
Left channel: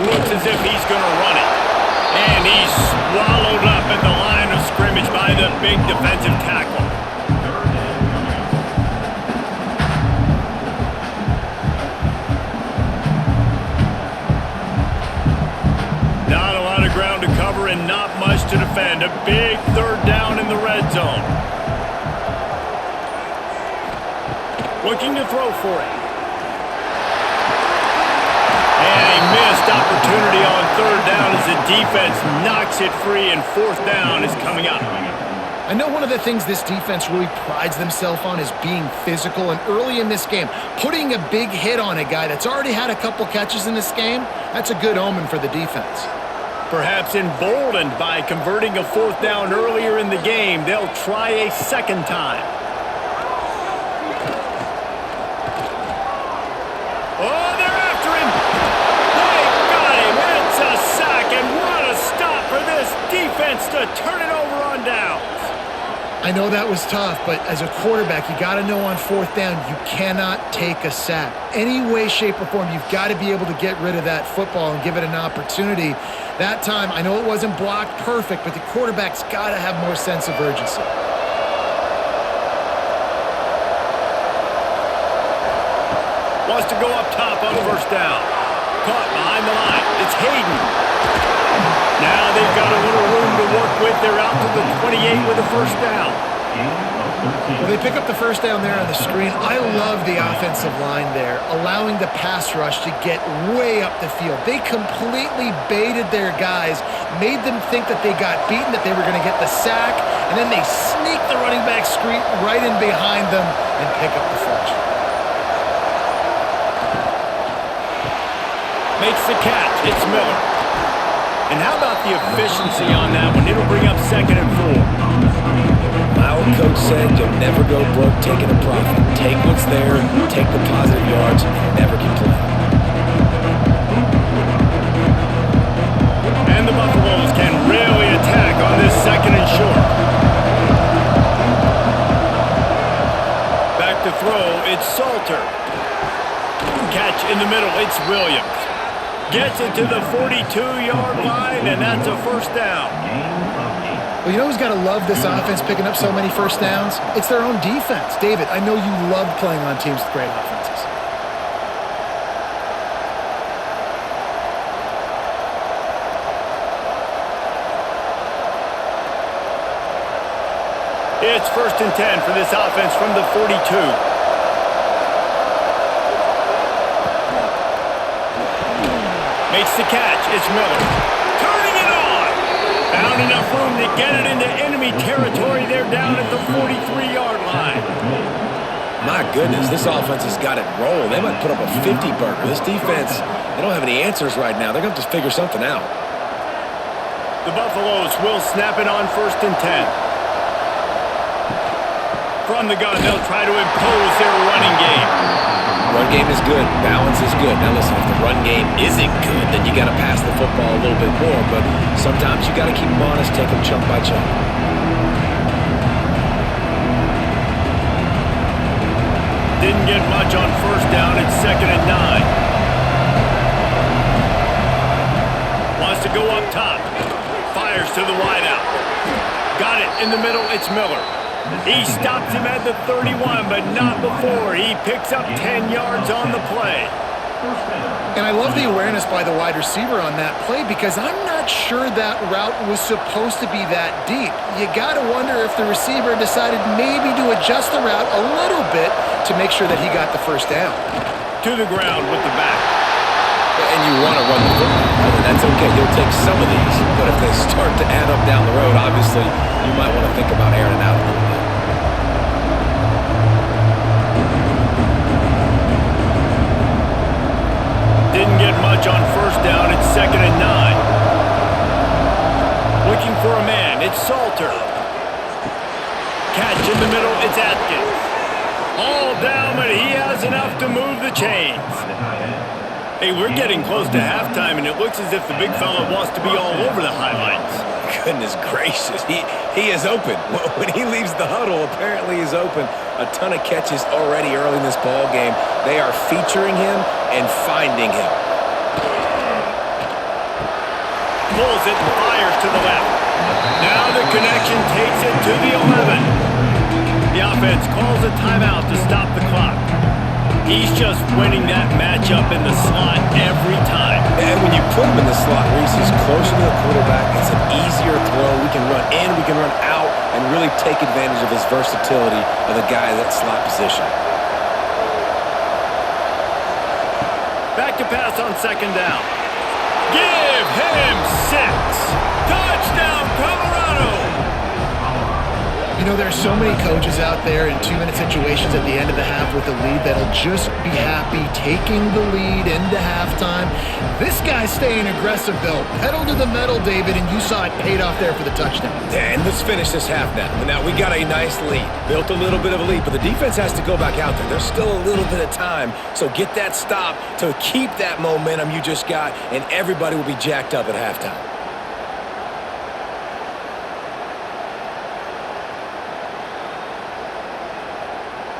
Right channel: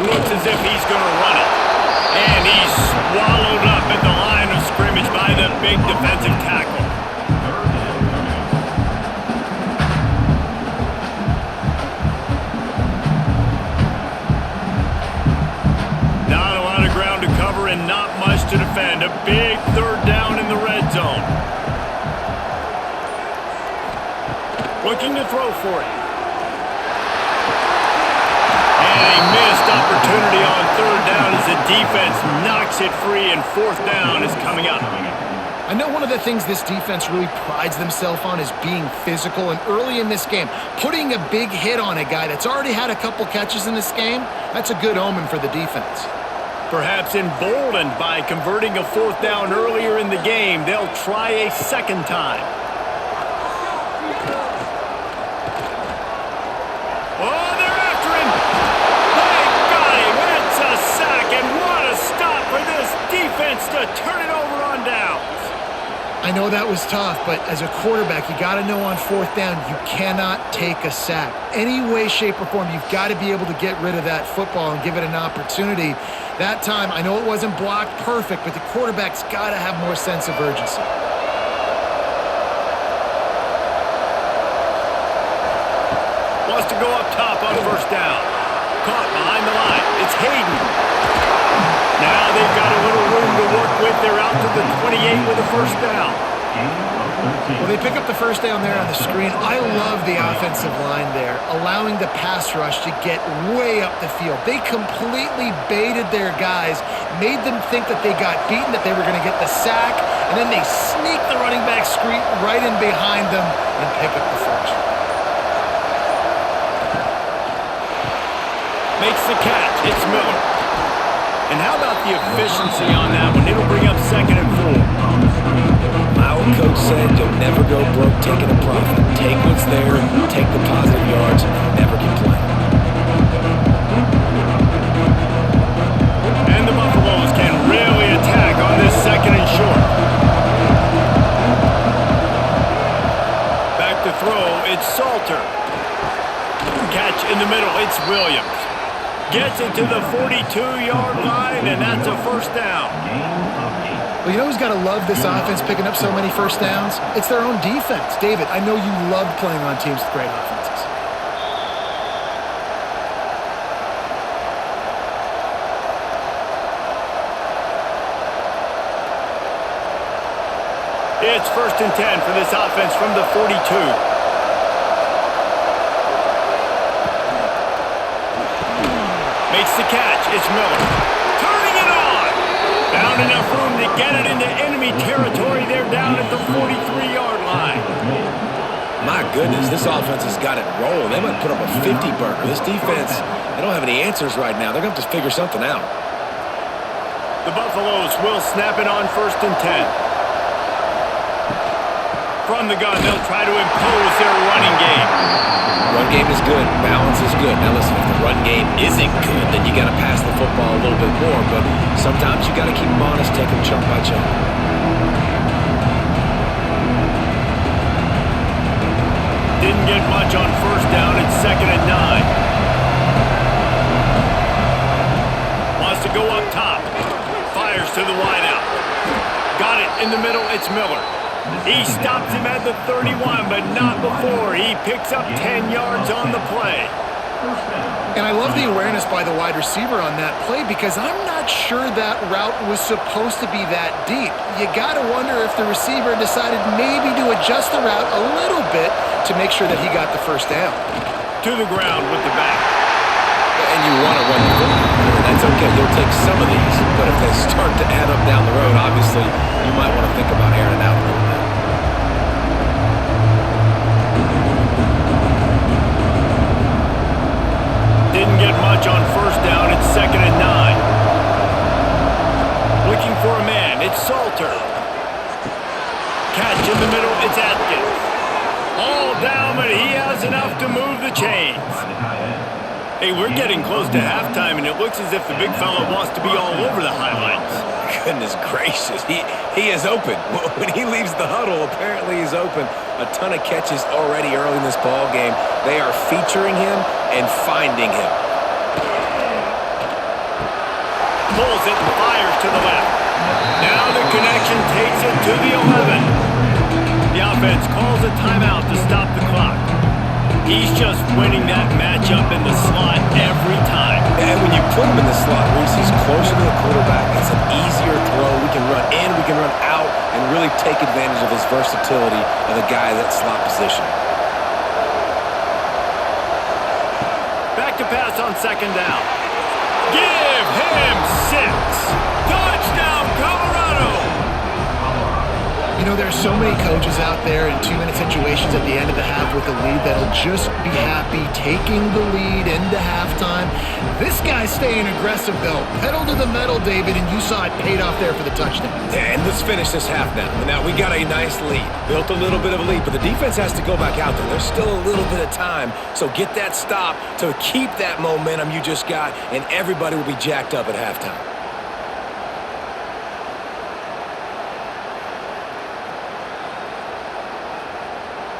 Looks as if he's going to run it. And he's swallowed up at the line of scrimmage by the big defensive tackle. 3rd down coming up. Not a lot of ground to cover and not much to defend. A big 3rd down in the red zone. Looking to throw for it. And a missed opportunity on 3rd down as the defense knocks it free, and 4th down is coming up. I know one of the things this defense really prides themselves on is being physical, and early in this game, putting a big hit on a guy that's already had a couple catches in this game, that's a good omen for the defense. Perhaps emboldened by converting a 4th down earlier in the game, they'll try a 2nd time. Oh, they're after him. They got him. It's a sack, and what a stop for this defense to turn it over on downs. I know that was tough, but as a quarterback, you got to know on 4th down, you cannot take a sack. Any way, shape, or form, you've got to be able to get rid of that football and give it an opportunity. That time, I know it wasn't blocked perfect, but the quarterback's got to have more sense of urgency. Wants to go up top on 1st down. Caught behind the line. It's Hayden. Now they've got a little room to work with. They're out to the 28 with a 1st down. Well, they pick up the 1st down there on the screen. I love the offensive line there, allowing the pass rush to get way up the field. They completely baited their guys, made them think that they got beaten, that they were going to get the sack, and then they sneak the running back screen right in behind them and pick up the first. Makes the catch. It's Miller. And how about the efficiency on that one? It'll bring up 2nd and 4. My old coach said, you'll never go broke taking a profit. Take what's there, take the positive yards, and never complain. And the Buffaloes can really attack on this second and short. Back to throw, it's Salter. Catch in the middle, it's Williams. Gets it to the 42-yard line, and that's a first down. Well, you know who's got to love this offense picking up so many first downs? It's their own defense. David, I know you love playing on teams with great offenses. It's 1st and 10 for this offense from the 42. Makes the catch. It's Miller. Turning it on. Found enough room to get it into enemy territory. They're down at the 43-yard line. My goodness, this offense has got it rolling. They might put up a 50-burger. This defense, they don't have any answers right now. They're going to have to figure something out. The Buffaloes will snap it on 1st and 10. From the gun, they'll try to impose their running game. Run game is good. Balance is good. Now listen, if the run game isn't good, then you got to pass the football a little bit more. But sometimes you got to keep them honest, take them chunk by chunk. Didn't get much on 1st down. It's 2nd and 9. Wants to go up top. Fires to the wideout. Got it in the middle. It's Miller. He stops him at the 31, but not before. He picks up 10 yards on the play. And I love the awareness by the wide receiver on that play because I'm not sure that route was supposed to be that deep. You got to wonder if the receiver decided maybe to adjust the route a little bit to make sure that he got the first down. To the ground with the back. And you want to run the football, right? That's okay. You'll take some of these, but if they start to add up down the road, obviously you might want to think about airing it out a little bit. Didn't get much on 1st down. It's 2nd and 9. Looking for a man. It's Salter. Catch in the middle. It's Atkins. All down, but he has enough to move the chains. Hey, we're getting close to halftime, and it looks as if the big fella wants to be all over the highlights. Goodness gracious, he is open. When he leaves the huddle, apparently he's open. A ton of catches already early in this ball game. They are featuring him and finding him. Pulls it and fires to the left. Now the connection takes it to the 11. The offense calls a timeout to stop the clock. He's just winning that matchup in the slot every time. And when you put him in the slot, Reese, he's closer to the quarterback. It's an easier throw. We can run in, we can run out, and really take advantage of his versatility of the guy in that slot position. Back to pass on 2nd down. Give him 6. Touchdown, Colorado! You know, there's so many coaches out there in 2-minute situations at the end of the half with the lead that'll just be happy taking the lead into halftime. This guy's staying aggressive, though. Pedal to the metal, David, and you saw it paid off there for the touchdown. And let's finish this half now. Now, we got a nice lead. Built a little bit of a lead, but the defense has to go back out there. There's still a little bit of time, so get that stop to keep that momentum you just got, and everybody will be jacked up at halftime.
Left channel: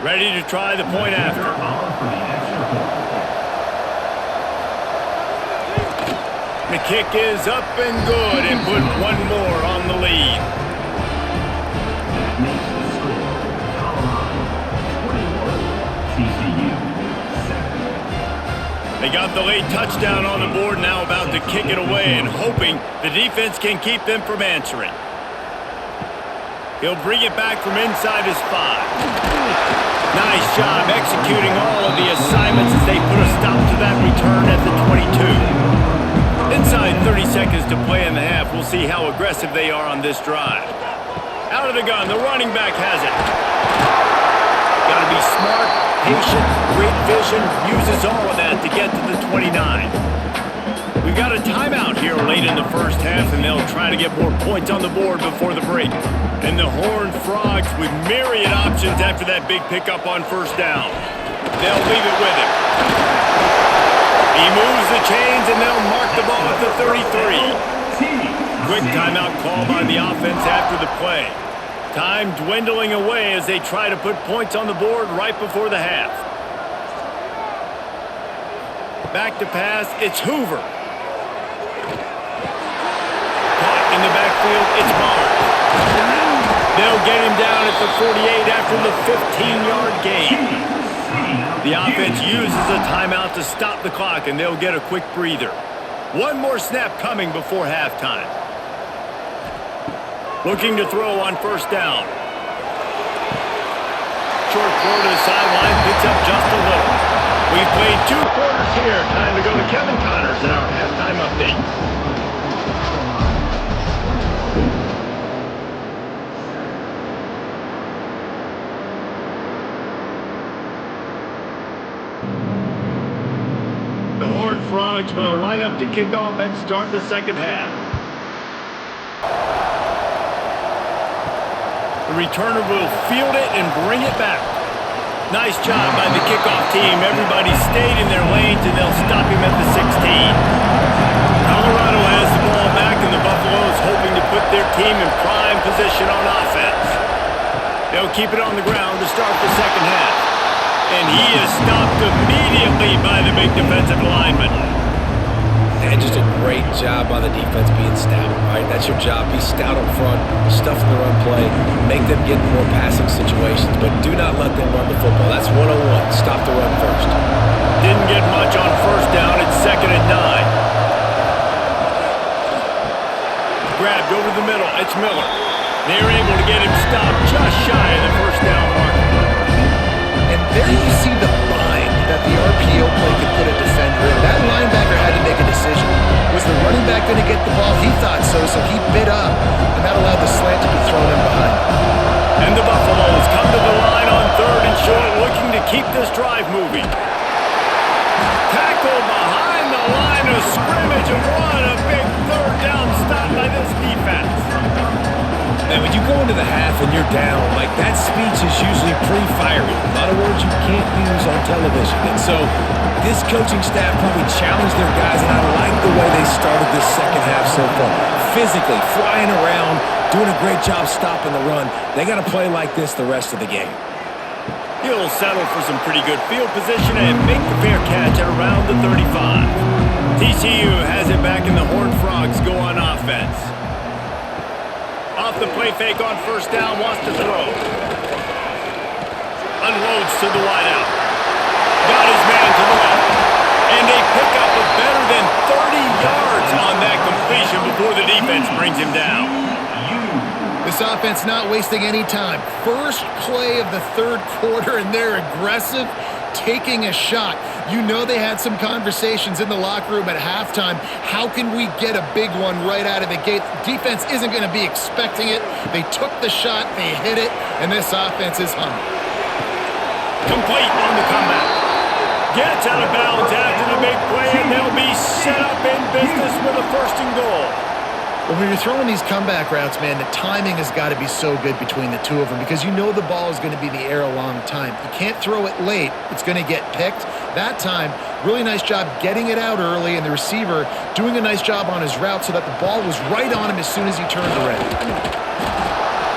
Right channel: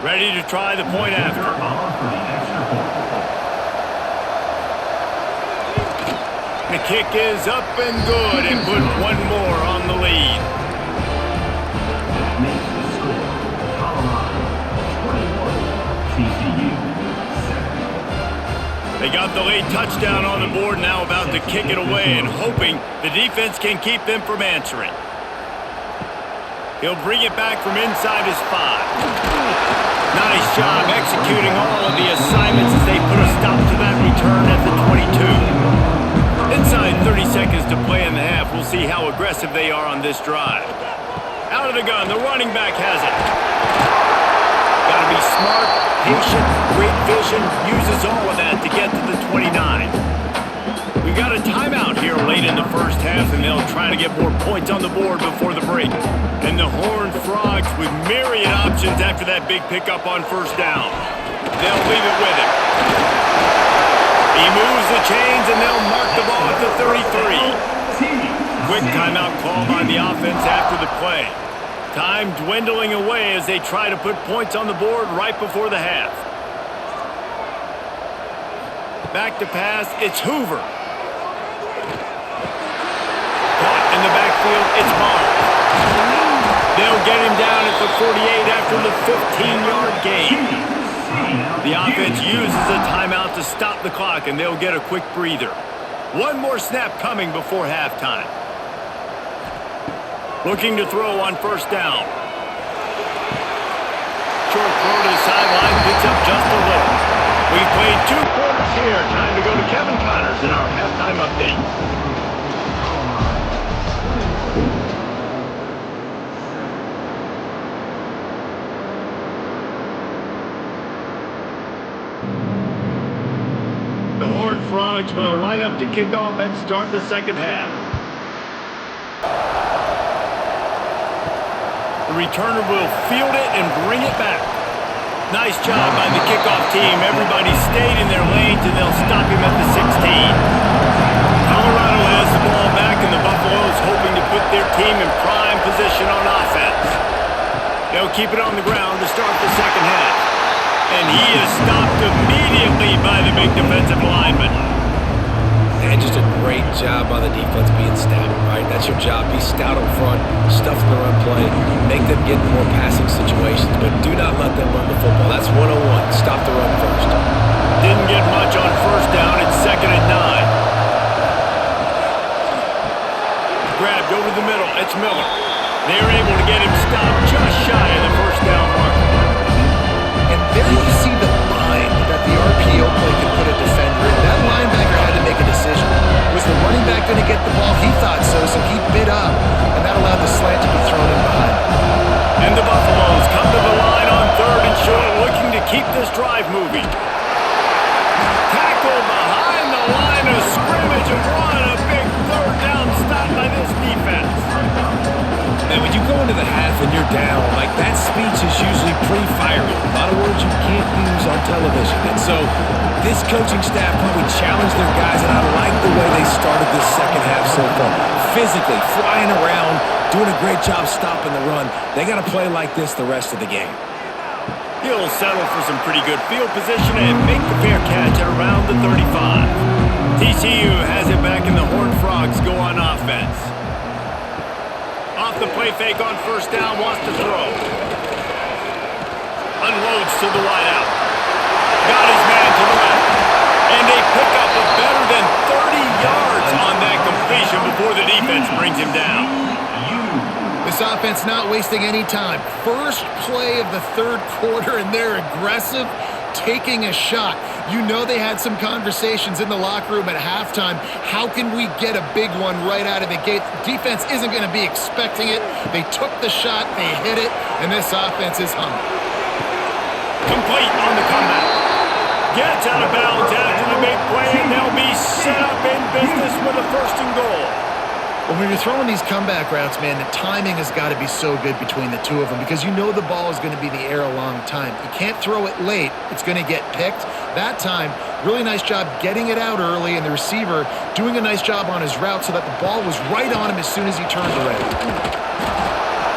Ready to try the point after. The kick is up and good and put one more on the lead. That makes the score Colorado 21, TCU 7. They got the late touchdown on the board, now about to kick it away and hoping the defense can keep them from answering. He'll bring it back from inside his 5. Nice job executing all of the assignments as they put a stop to that return at the 22. Inside 30 seconds to play in the half. We'll see how aggressive they are on this drive. Out of the gun, the running back has it. Got to be smart, patient, great vision. Uses all of that to get to the 29. We got a timeout here late in the first half, and they'll try to get more points on the board before the break. And the Horned Frogs with myriad options after that big pickup on first down. They'll leave it with him. He moves the chains, and they'll mark the ball at the 33. Quick timeout call by the offense after the play. Time dwindling away as they try to put points on the board right before the half. Back to pass, it's Hoover. Caught in the backfield, it's Barnes. They'll get him down at the 48 after the 15-yard gain. The offense uses a timeout to stop the clock, and they'll get a quick breather. One more snap coming before halftime. Looking to throw on first down. Short throw to the sideline, picks up just a little. We've played 2 quarters here. Time to go to Kevin Connors in our halftime update. The Horned Frogs will line up to kick off and start the second half. The returner will field it and bring it back. Nice job by the kickoff team. Everybody stayed in their lanes, and they'll stop him at the 16. Colorado has the ball back, and the Buffaloes hoping to put their team in prime position on offense. They'll keep it on the ground to start the second half. And he is stopped immediately by the big defensive lineman. And just a great job by the defense being stout, right? That's your job. Be stout up front, stuff the run play, make them get in more passing situations, but do not let them run the football. That's 101. Stop the run first. Didn't get much on first down. It's 2nd and 9. Grabbed over the middle. It's Miller. They're able to get him stopped just shy of the first down marker. And there you see the bind that the RPO play could put a defender in. That linebacker had to make a decision. Was the running back going to get the ball? He thought so, so he bid up, and that allowed the slant to be thrown in behind. And the Buffaloes come to the line on 3rd and short, looking to keep this drive moving. Tackled behind the line of scrimmage, and what a big 3rd down stop by this defense. And when you go into the half and you're down, like that speech is usually pre-fiery. A lot of words you can't use on television. And so this coaching staff probably challenged their guys, and I like the way they started this second half so far. Physically, flying around, doing a great job stopping the run. They got to play like this the rest of the game. He'll settle for some pretty good field position and make the fair catch at around the 35. TCU has it back, and the Horned Frogs go on offense. Off the play fake on first down, wants to throw. Unloads to the wideout. Got his man to the left. And a pickup of better than 30 yards on that completion before the defense brings him down. This offense not wasting any time. First play of the 3rd quarter, and they're aggressive, taking a shot. You know they had some conversations in the locker room at halftime. How can we get a big one right out of the gate? Defense isn't going to be expecting it. They took the shot, they hit it, and this offense is humming. Complete on the comeback. Gets out of bounds after the big play, and they'll be set up in business with a 1st and goal. Well, when you're throwing these comeback routes, man, the timing has got to be so good between the two of them because you know the ball is going to be in the air a long time. You can't throw it late. It's going to get picked. That time, really nice job getting it out early, and the receiver doing a nice job on his route so that the ball was right on him as soon as he turned around.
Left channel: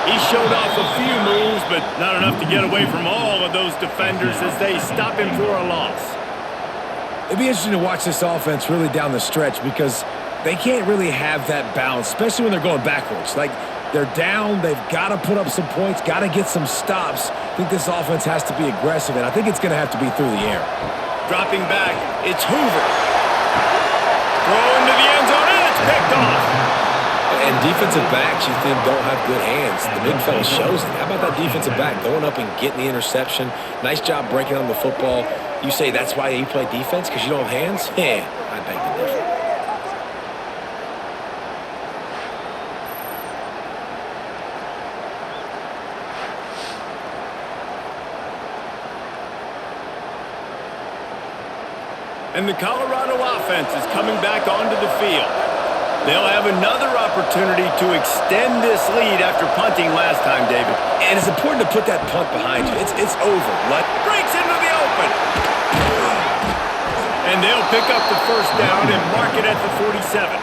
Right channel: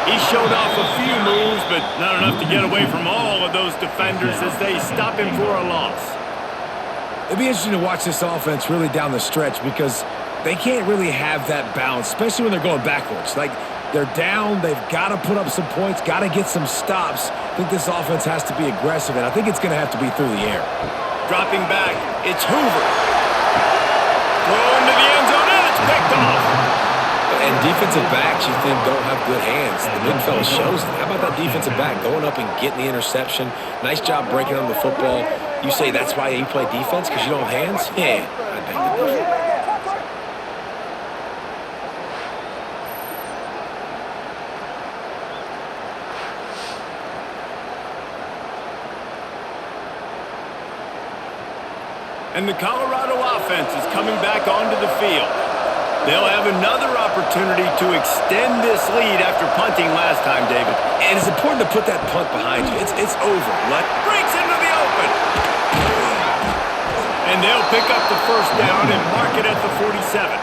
He showed off a few moves, but not enough to get away from all of those defenders as they stop him for a loss. It'd be interesting to watch this offense really down the stretch because they can't really have that balance, especially when they're going backwards. Like, they're down, they've got to put up some points, got to get some stops. I think this offense has to be aggressive, and I think it's going to have to be through the air. Dropping back, it's Hoover. Throw into the end zone, and it's picked off. And defensive backs, you think, don't have good hands. The big fella shows it. How about that defensive back going up and getting the interception? Nice job breaking on the football. You say that's why you play defense, because you don't have hands? I beg to differ. And the Colorado offense is coming back onto the field. They'll have another opportunity to extend this lead after punting last time, David. And it's important to put that punt behind you. It's over. Breaks into the open. And they'll pick up the first down and mark it at the 47.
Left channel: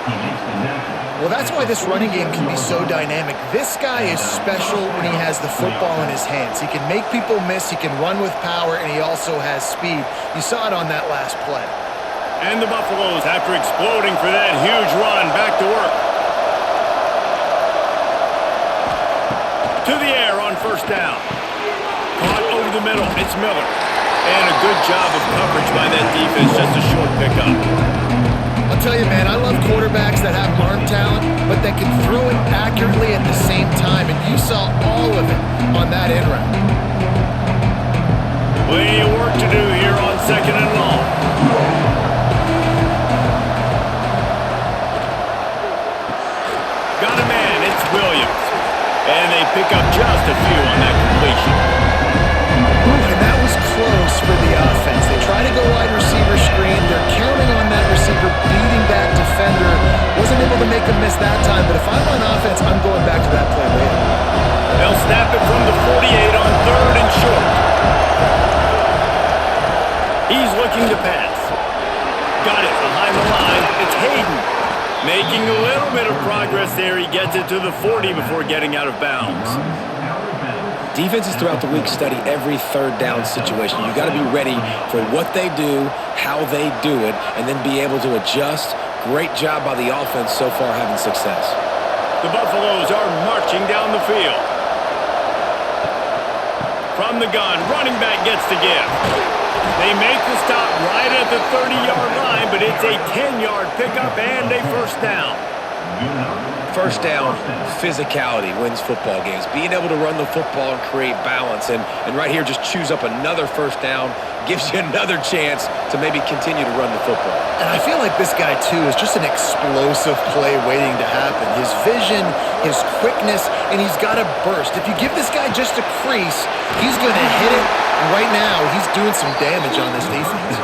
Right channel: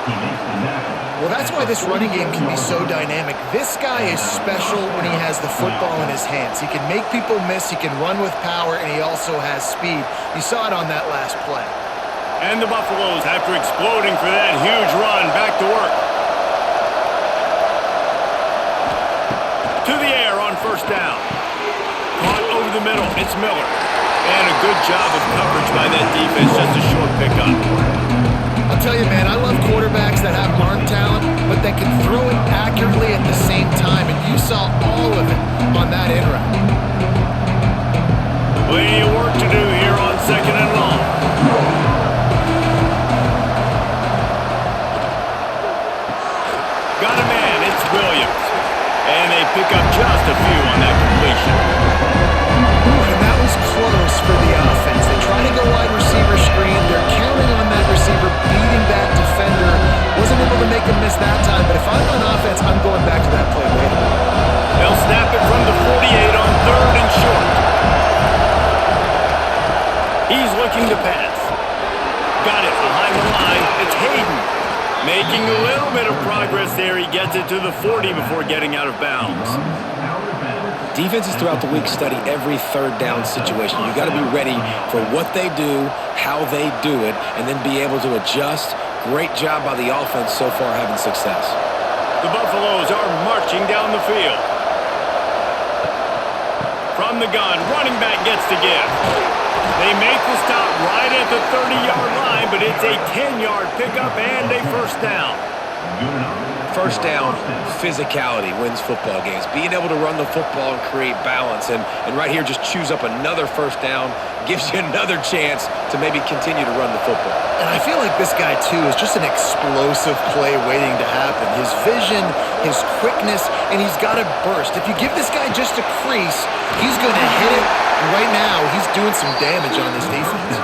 Well, that's why this running game can be so dynamic. This guy is special when he has the football in his hands. He can make people miss, he can run with power, and he also has speed. You saw it on that last play. And the Buffaloes, after exploding for that huge run, back to work. To the air on first down. Caught over the middle. It's Miller. And a good job of coverage by that defense. Just a short pickup. I'll tell you, man, I love quarterbacks that have arm talent, but that can throw it accurately at the same time. And you saw all of it on that in route. Plenty of work to do here on second and long. Got a man, it's Williams. And they pick up just a few on that completion. Ooh, and that was close for the offense. They try to go wide receiver screen. They're counting on that receiver beating that defender. Wasn't able to make a miss that time, but if I'm on offense, I'm going back to that play later. They'll snap it from the 48 on third and short. He's looking to pass. Got it behind the line. It's Hayden. Making a little bit of progress there. He gets it to the 40 before getting out of bounds. Defenses throughout the week study every third down situation. You got to be ready for what they do, how they do it, and then be able to adjust. Great job by the offense so far having success. The Buffaloes are marching down the field. From the gun, running back gets to give. They make the stop right at the 30-yard line, but it's a 10-yard pickup and a first down. First down, physicality wins football games. Being able to run the football and create balance. And right here, just choose up another first down, gives you another chance to maybe continue to run the football. And I feel like this guy, too, is just an explosive play waiting to happen. His vision, his quickness, and he's got a burst. If you give this guy just a crease, he's going to hit it. And right now, he's doing some damage on this defense.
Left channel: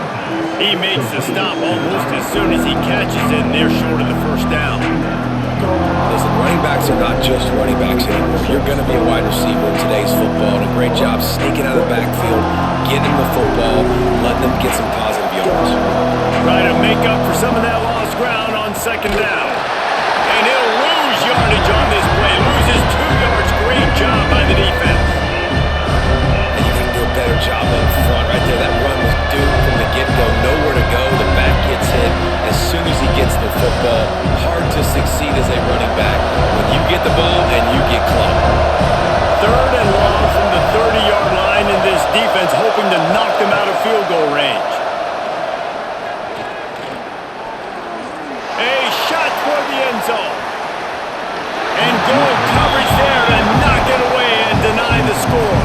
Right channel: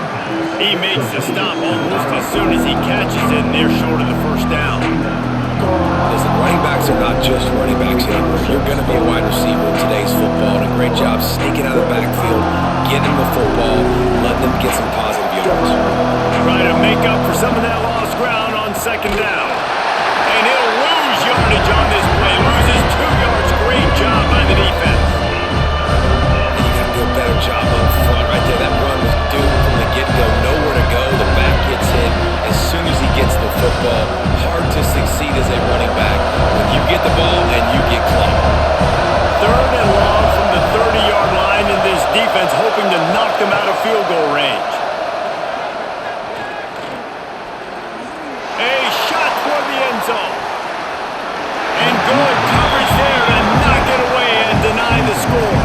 He makes the stop almost as soon as he catches it, and they're short of the first down. Listen, running backs are not just running backs anymore. You're going to be a wide receiver in today's football, and a great job sneaking out of the backfield, getting the football, letting them get some positive yards. Try to make up for some of that lost ground on second down. And he'll lose yardage on this play. Loses 2 yards. Great job by the defense. And you got to do a better job up front right there. That run was doomed from the get-go. Nowhere to go. The back gets hit as soon as he gets the football. Hard to succeed as a running back when you get the ball and you get clocked. Third and long from the 30-yard line, and this defense hoping to knock them out of field goal range. A shot toward the end zone. And good coverage there to knock it away and deny the score.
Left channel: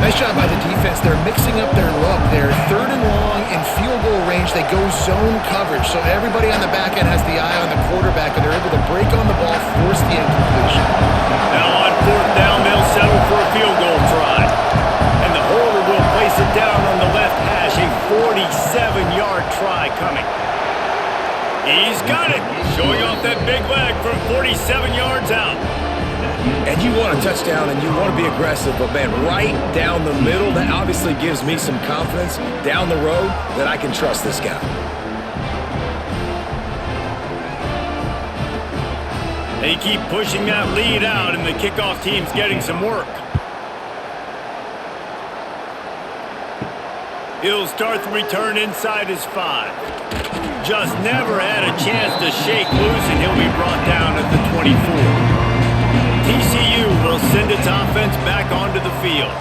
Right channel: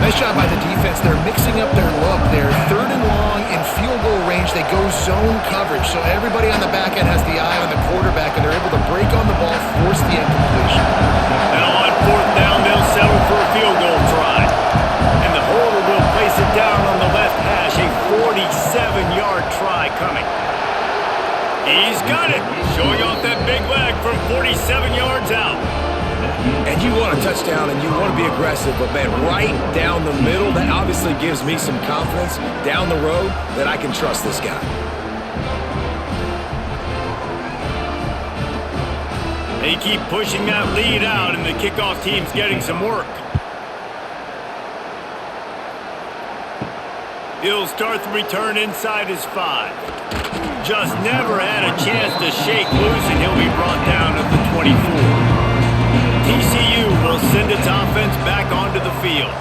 Nice job by the defense. They're mixing up their look. They're third and long in field goal range. They go zone coverage, so everybody on the back end has the eye on the quarterback, and they're able to break on the ball, force the incompletion. Now on fourth down, they'll settle for a field goal try. And the holder will place it down on the left hash. A 47-yard try coming. He's got it, showing off that big leg from 47 yards out. And you want a touchdown and you want to be aggressive, but man, right down the middle, that obviously gives me some confidence down the road that I can trust this guy. They keep pushing that lead out, and the kickoff team's getting some work. He'll start the return inside his 5. Just never had a chance to shake loose, and he'll be brought down at the 24. TCU will send its offense back onto the field.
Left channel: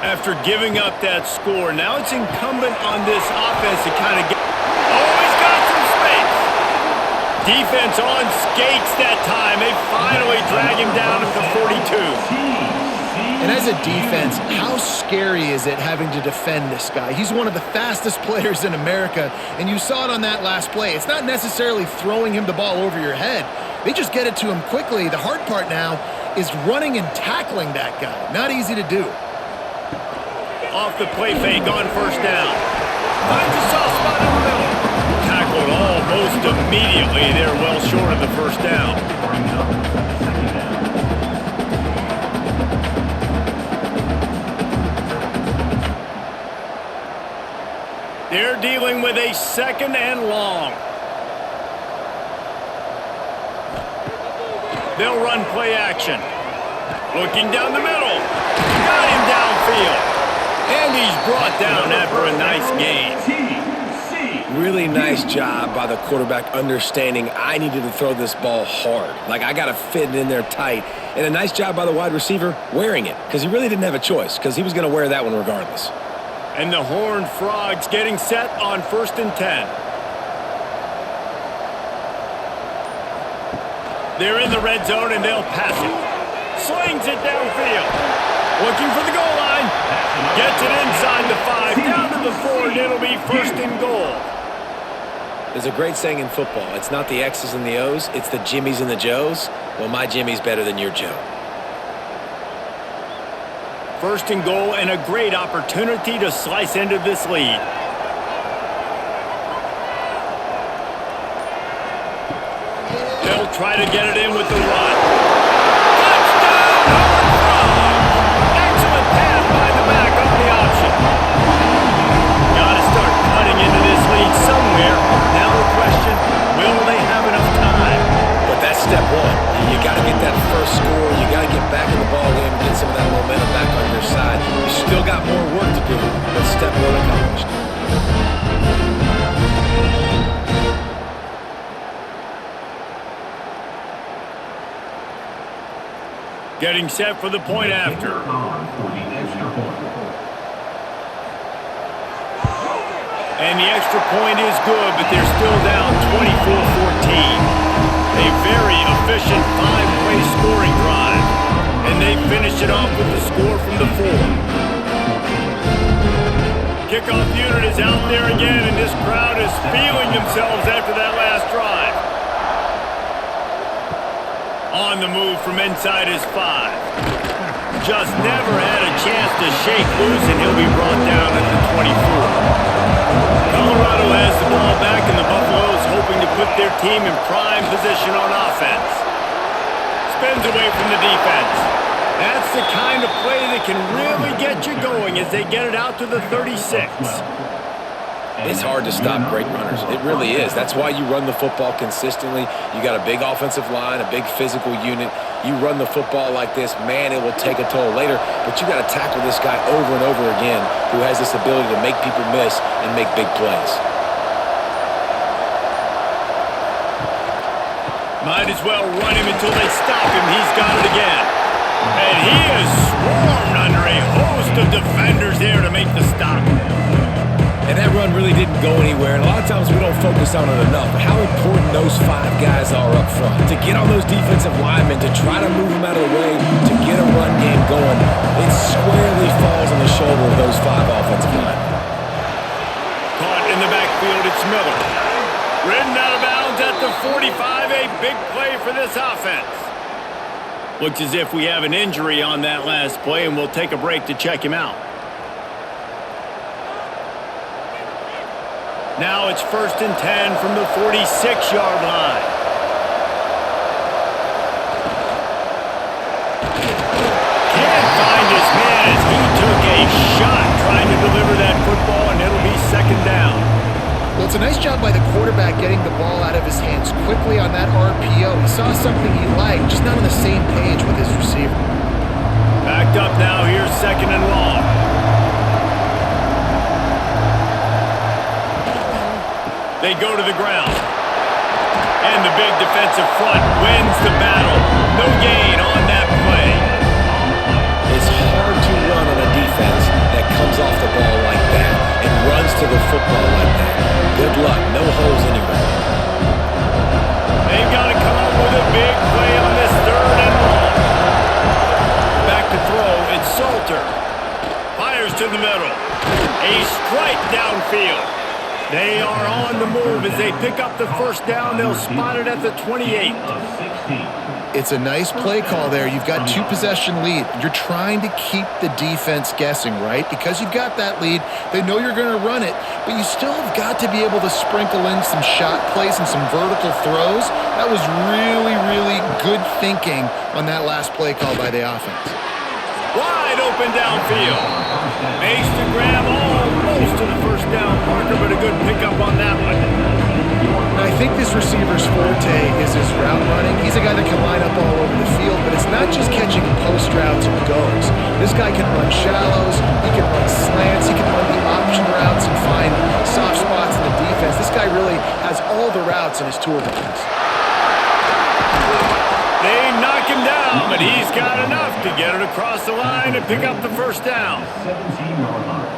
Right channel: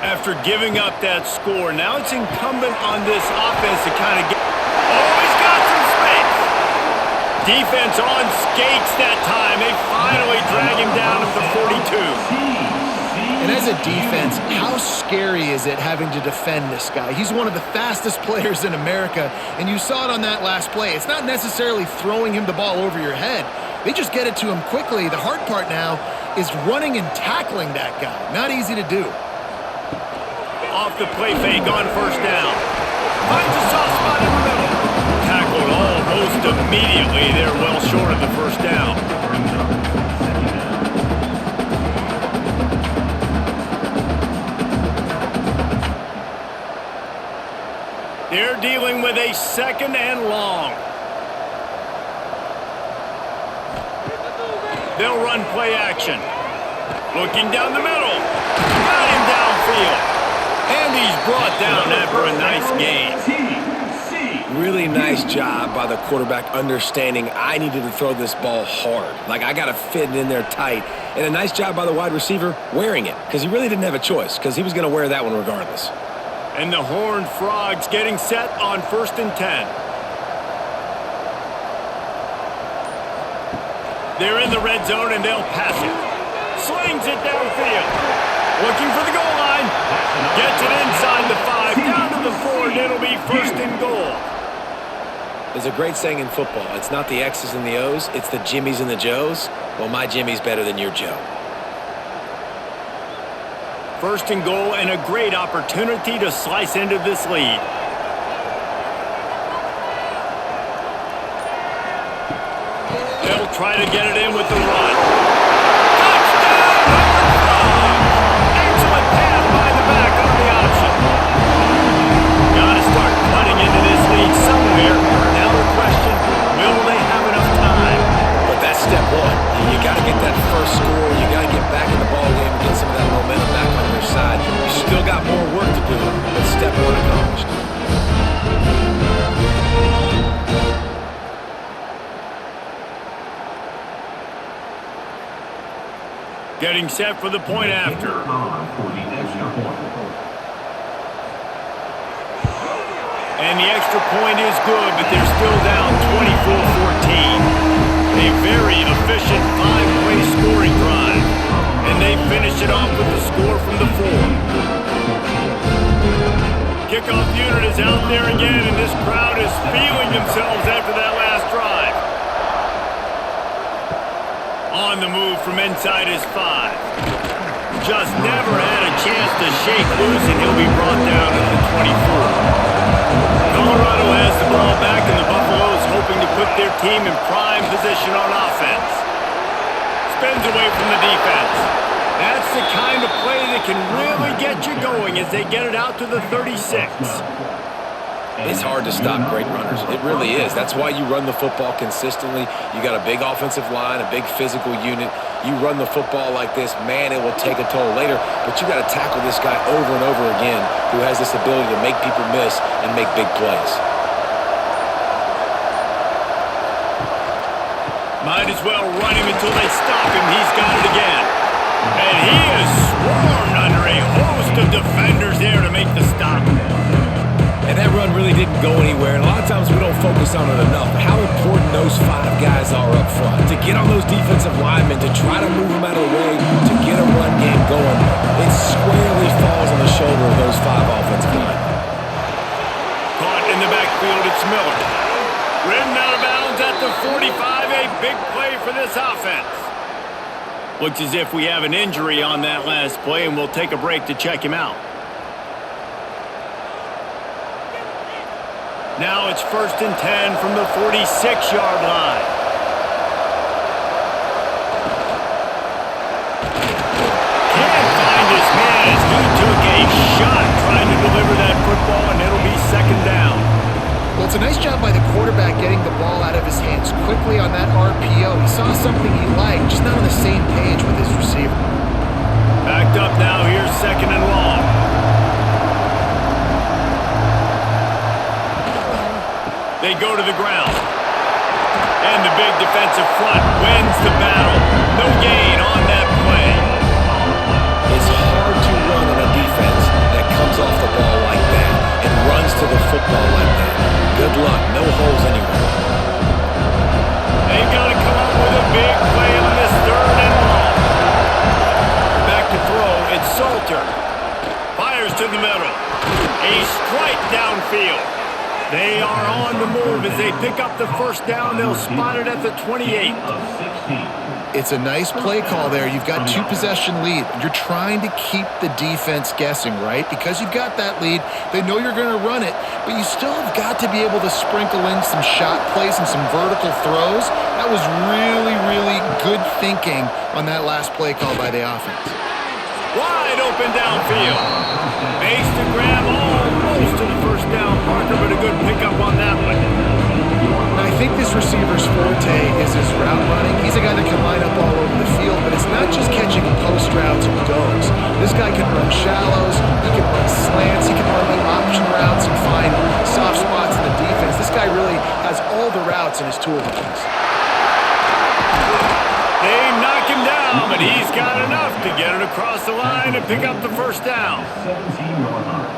After giving up that score, now it's incumbent on this offense to kind of get... Oh, he's got some space. Defense on skates that time. They finally drag him down at the 42. And as a defense, how scary is it having to defend this guy? He's one of the fastest players in America, and you saw it on that last play. It's not necessarily throwing him the ball over your head. They just get it to him quickly. The hard part now is running and tackling that guy. Not easy to do. Off the play fake on first down. Finds a soft spot in the middle. Almost immediately, they're well short of the first down. Brings up second down. They're dealing with a second and long. They'll run play action. Looking down the middle. Got him downfield. And he's brought down after a nice gain. Really nice job by the quarterback understanding I needed to throw this ball hard. Like, I got to fit it in there tight. And a nice job by the wide receiver wearing it, because he really didn't have a choice, because he was going to wear that one regardless. And the Horned Frogs getting set on 1st and 10. They're in the red zone, and they'll pass it. Slings it downfield. Looking for the goal line. Gets it inside the 5, down to the 4, and it'll be 1st and goal. There's a great saying in football. It's not the X's and the O's, it's the Jimmies and the Joes. Well, my Jimmy's better than your Joe. 1st and goal, and a great opportunity to slice into this lead. They'll try to get it in with the run. Touchdown, Horned Frogs! Excellent pass by the back on the option. Got to start cutting into this lead somewhere. Now the question, will they have enough time? But that's step one. You got to get that first score. You got to get back in the ball game and get some of that momentum back on your side. You still got more work to do, but step one accomplished. Getting set for the point after. On for the extra point. And the extra point is good, but they're still down 24-14. A very efficient 5-play scoring drive. And they finish it off with the score from the 4. Kickoff unit is out there again, and this crowd is feeling themselves after that last drive. On the move from inside his 5. Just never had a chance to shake loose, and he'll be brought down at the 24. Colorado has the ball back, and the Buffaloes hoping to put their team in prime position on offense. Spins away from the defense. That's the kind of play that can really get you going as they get it out to the 36. It's hard to stop great runners. It really is. That's why you run the football consistently. You got a big offensive line, a big physical unit. You run the football like this, man, it will take a toll later. But you got to tackle this guy over and over again who has this ability to make people miss and make big plays. Might as well run him until they stop him. He's got it again. And he is swarmed under a host of defenders there to make the stop. And that run really didn't go anywhere, and a lot of times we don't focus on it enough, but how important those 5 guys are up front. To get on those defensive linemen, to try to move them out of the way, to get a run game going, it squarely falls on the shoulder of those 5 offensive linemen. Caught in the backfield, it's Miller. Ridden out of bounds at the 45, a big play for this offense. Looks as if we have an injury on that last play, and we'll take a break to check him out. Now it's 1st and 10 from the 46-yard line. Can't find his man as he took a shot trying to deliver that football, and it'll be 2nd down. Well, it's a nice job by the quarterback getting the ball out of his hands quickly on that RPO. He saw something he liked, just not on the same page with his receiver. Backed up now, here's 2nd and long. They go to the ground. And the big defensive front wins the battle. No gain on that play. It's hard to run on a defense that comes off the ball like that and runs to the football like that. Good luck. No holes anywhere. They've got to come up with a big play on this 3rd and long. Back to throw. It's Salter. Fires to the middle. A strike downfield. They are on the move as they pick up the first down. They'll spot it at the 28. It's a nice play call there. You've got 2-possession lead. You're trying to keep the defense guessing, right? Because you've got that lead, they know you're going to run it, but you still have got to be able to sprinkle in some shot plays and some vertical throws. That was really, really good thinking on that last play call by the offense. Wide open downfield. Makes the grab almost to the first down marker, but a good pickup on that one. And I think this receiver's forte is his route running. He's a guy that can line up all over the field, but it's not just catching post routes and goes. This guy can run shallows, he can run slants, he can run the option routes and find soft spots in the defense. This guy really has all the routes in his toolbox. They knock him down, but he's got enough to get it across the line and pick up the first down.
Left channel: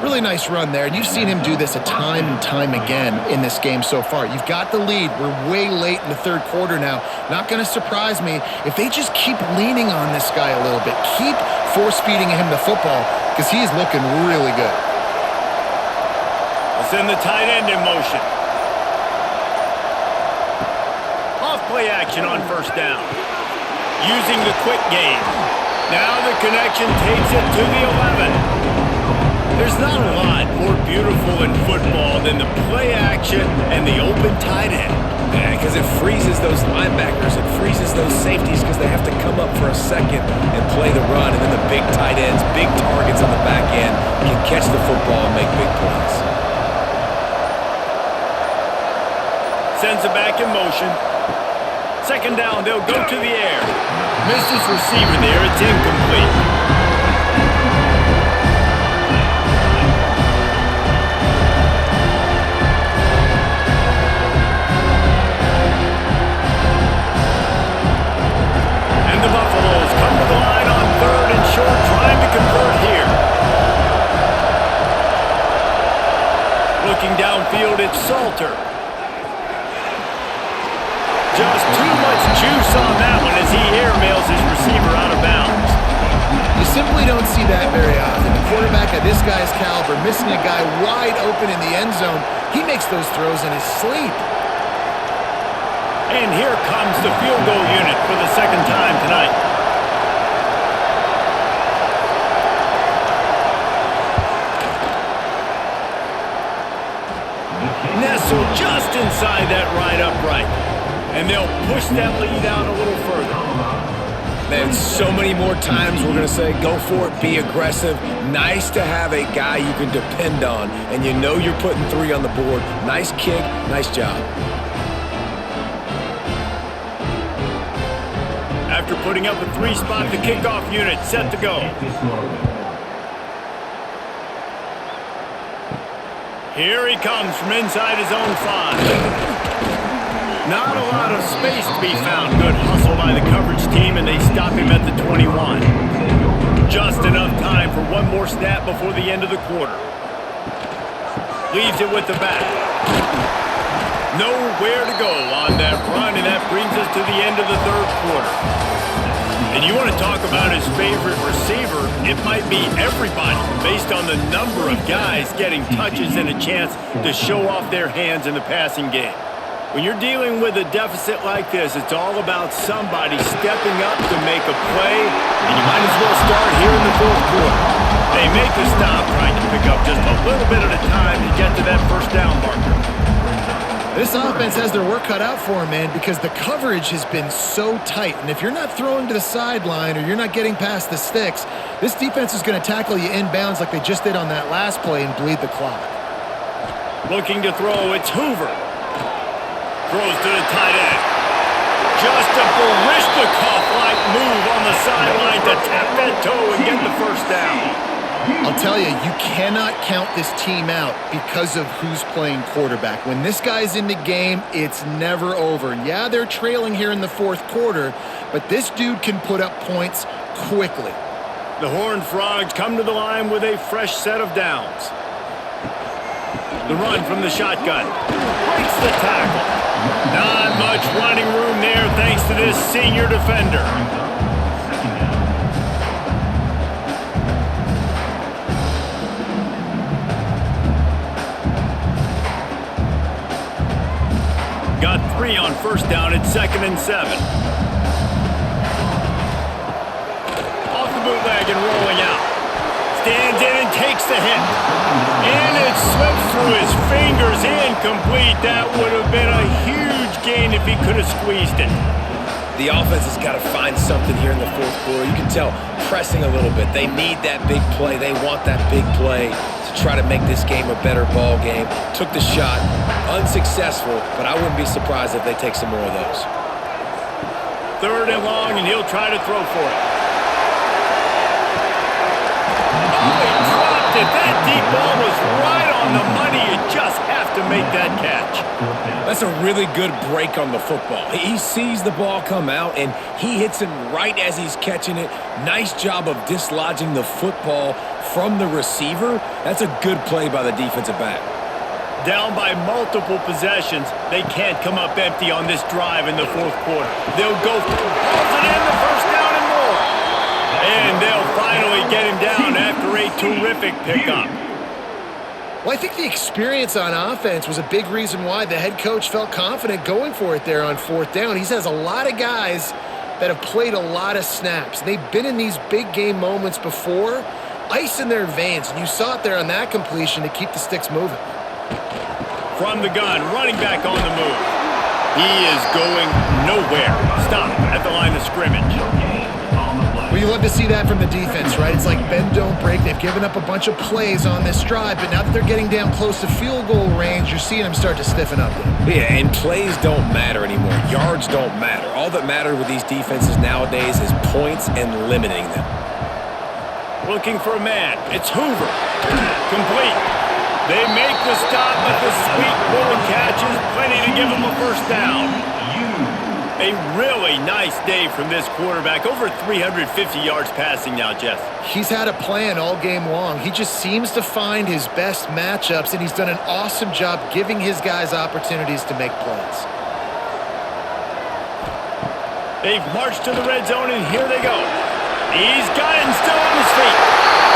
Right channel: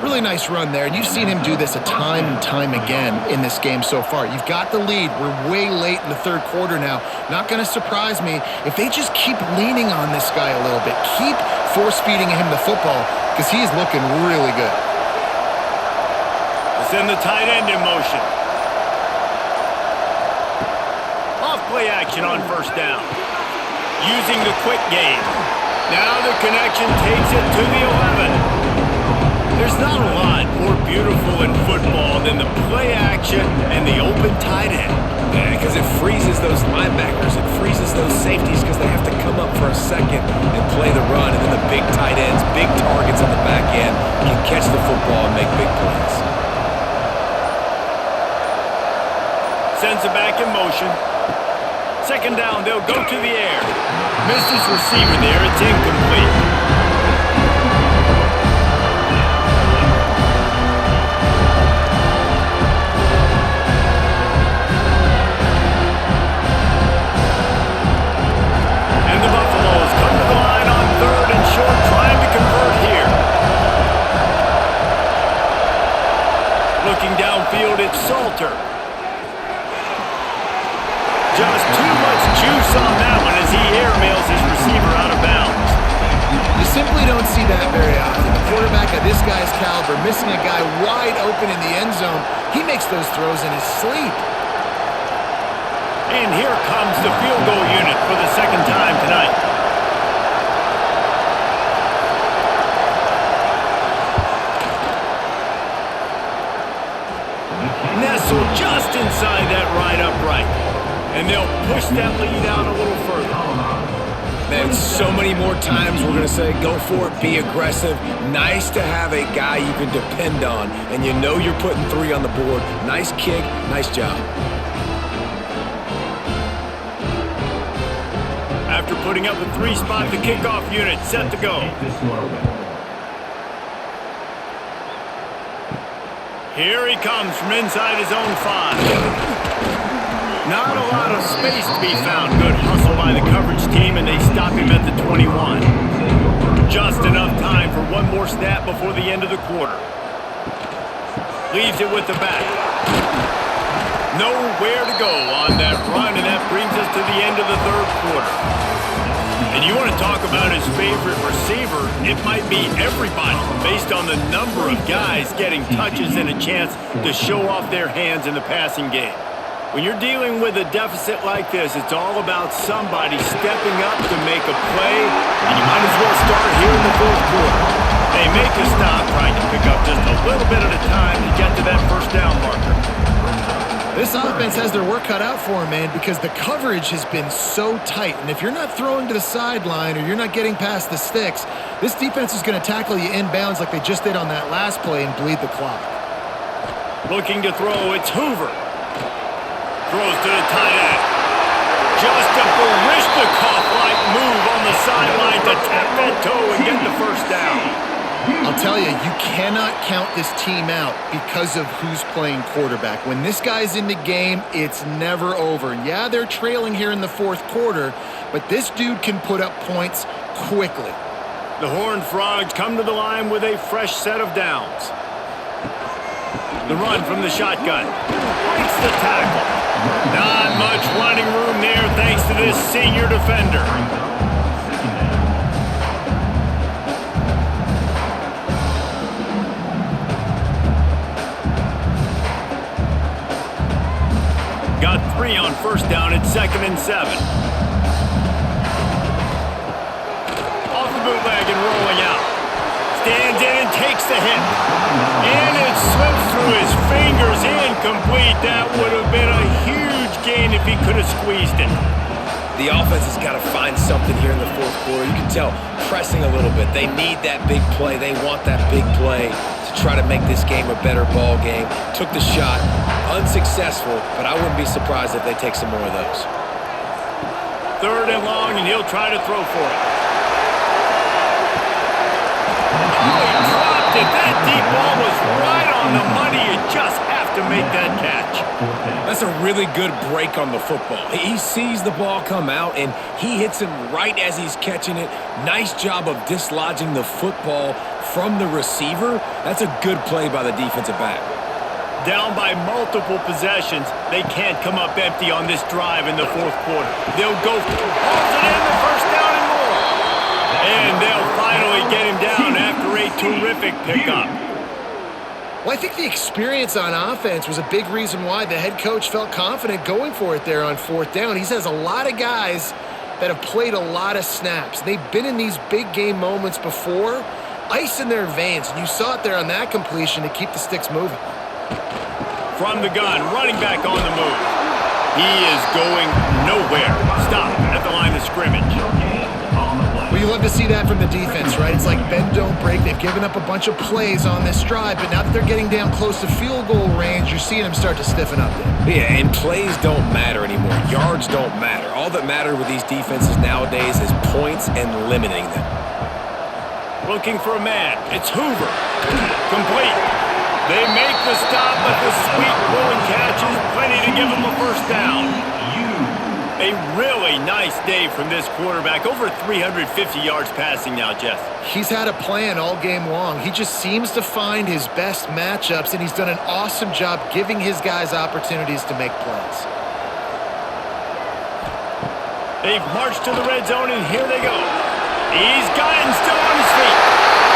Really nice run there, and you've seen him do this a time and time again in this game so far. You've got the lead. We're way late in the third quarter now. Not going to surprise me if they just keep leaning on this guy a little bit. Keep force-feeding him the football because he is looking really good. They'll send the tight end in motion. Off play action on first down. Using the quick game. Now the connection takes it to the 11. There's not a lot more beautiful in football than the play action and the open tight end. Yeah, because it freezes those linebackers. It freezes those safeties because they have to come up for a second and play the run. And then the big tight ends, big targets on the back end can catch the football and make big plays. Sends it back in motion. Second down, they'll go to the air. Missed his receiver there, it's incomplete. And the Buffaloes come to the line on third and short, trying to convert here. Looking downfield, it's Salter. Just too much juice on that one as he airmails his receiver out of bounds. You simply don't see that very often. A quarterback of this guy's caliber missing a guy wide open in the end zone. He makes those throws in his sleep. And here comes the field goal unit for the second time tonight. Nestled just inside that right upright. And they'll push that lead out a little further. Man, so many more times we're going to say, go for it, be aggressive. Nice to have a guy you can depend on, and you know you're putting 3 on the board. Nice kick, nice job. After putting up a 3-spot, the kickoff unit set to go. Here he comes from inside his own 5. Not a lot of space to be found. Good hustle by the coverage team, and they stop him at the 21. Just enough time for one more snap before the end of the quarter. Leaves it with the back. Nowhere to go on that run, and that brings us to the end of the third quarter. And you want to talk about his favorite receiver, it might be everybody based on the number of guys getting touches and a chance to show off their hands in the passing game. When you're dealing with a deficit like this, it's all about somebody stepping up to make a play, and you might as well start here in the fourth quarter. They make a stop, trying to pick up just a little bit at a time to get to that first down marker. This offense has their work cut out for them, man, because the coverage has been so tight. And if you're not throwing to the sideline or you're not getting past the sticks, this defense is going to tackle you inbounds like they just did on that last play and bleed the clock. Looking to throw, it's Hoover. Throws to the tight end. Just a Baryshnikov-like move on the sideline to tap that toe and get the first down. I'll tell you, you cannot count this team out because of who's playing quarterback. When this guy's in the game, it's never over. Yeah, they're trailing here in the fourth quarter, but this dude can put up points quickly. The Horned Frogs come to the line with a fresh set of downs. The run from the shotgun. Breaks the tackle. Not much running room there thanks to this senior defender. 3 on first down at 2nd and 7. Off the bootleg and rolling out. Stands in and takes the hit. And it slips through his fingers, incomplete. That would have been a huge gain if he could have squeezed it. The offense has got to find something here in the fourth quarter. You can tell pressing a little bit. They need that big play. They want that big play to try to make this game a better ball game. Took the shot, unsuccessful, but I wouldn't be surprised if they take some more of those. 3rd and long, and he'll try to throw for it. Oh, he dropped it. That deep ball was right on the money. You just have to make that catch. That's a really good break on the football. He sees the ball come out, and he hits him right as he's catching it. Nice job of dislodging the football from the receiver. That's a good play by the defensive back. Down by multiple possessions, they can't come up empty on this drive in the fourth quarter. They'll go, hauls it in, the first down and more. And they'll finally get him down after a terrific pickup. Well, I think the experience on offense was a big reason why the head coach felt confident going for it there on 4th down. He has a lot of guys that have played a lot of snaps. They've been in these big game moments before, ice in their veins, and you saw it there on that completion to keep the sticks moving. From the gun, running back on the move. He is going nowhere. Stop at the line of scrimmage. Well, you love to see that from the defense, right? It's like bend, don't break. They've given up a bunch of plays on this drive, but now that they're getting down close to field goal range, you're seeing them start to stiffen up there. Yeah, and plays don't matter anymore. Yards don't matter. All that matters with these defenses nowadays is points and limiting them. Looking for a man. It's Hoover. Complete. They make the stop, but the sweet pull and catch is plenty to give them a first down. A really nice day from this quarterback. Over 350 yards passing now, Jess. He's had a plan all game long. He just seems to find his best matchups, and he's done an awesome job giving his guys opportunities to make plays. They've marched to the red zone, and here they go. He's got it and still on his feet.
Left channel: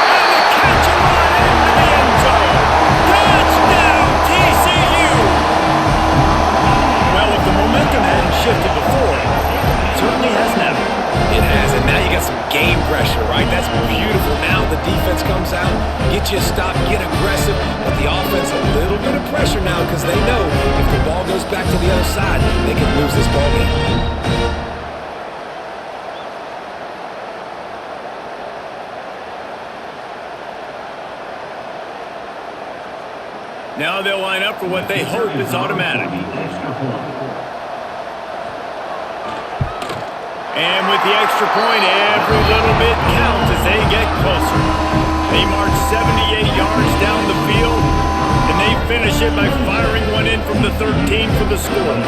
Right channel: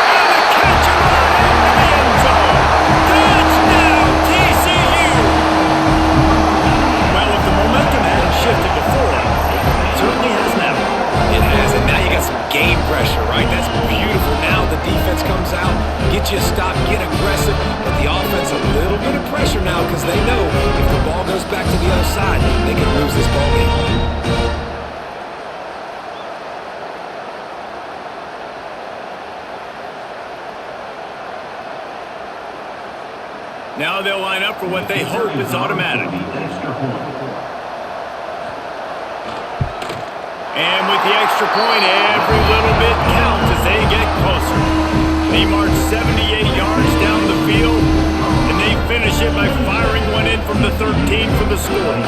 And the catch and run into the end zone. Touchdown, TCU! Well, if the momentum hadn't shifted before, it certainly has now. It has, and now you got some game pressure, right? That's beautiful. Now the defense comes out, get you a stop, get aggressive, but the offense a little bit of pressure now because they know if the ball goes back to the other side, they can lose this ball game. Now they'll line up for what they hope is automatic. And with the extra point, every little bit counts as they get closer. They march 78 yards down the field, and they finish it by firing one in from the 13 for the score.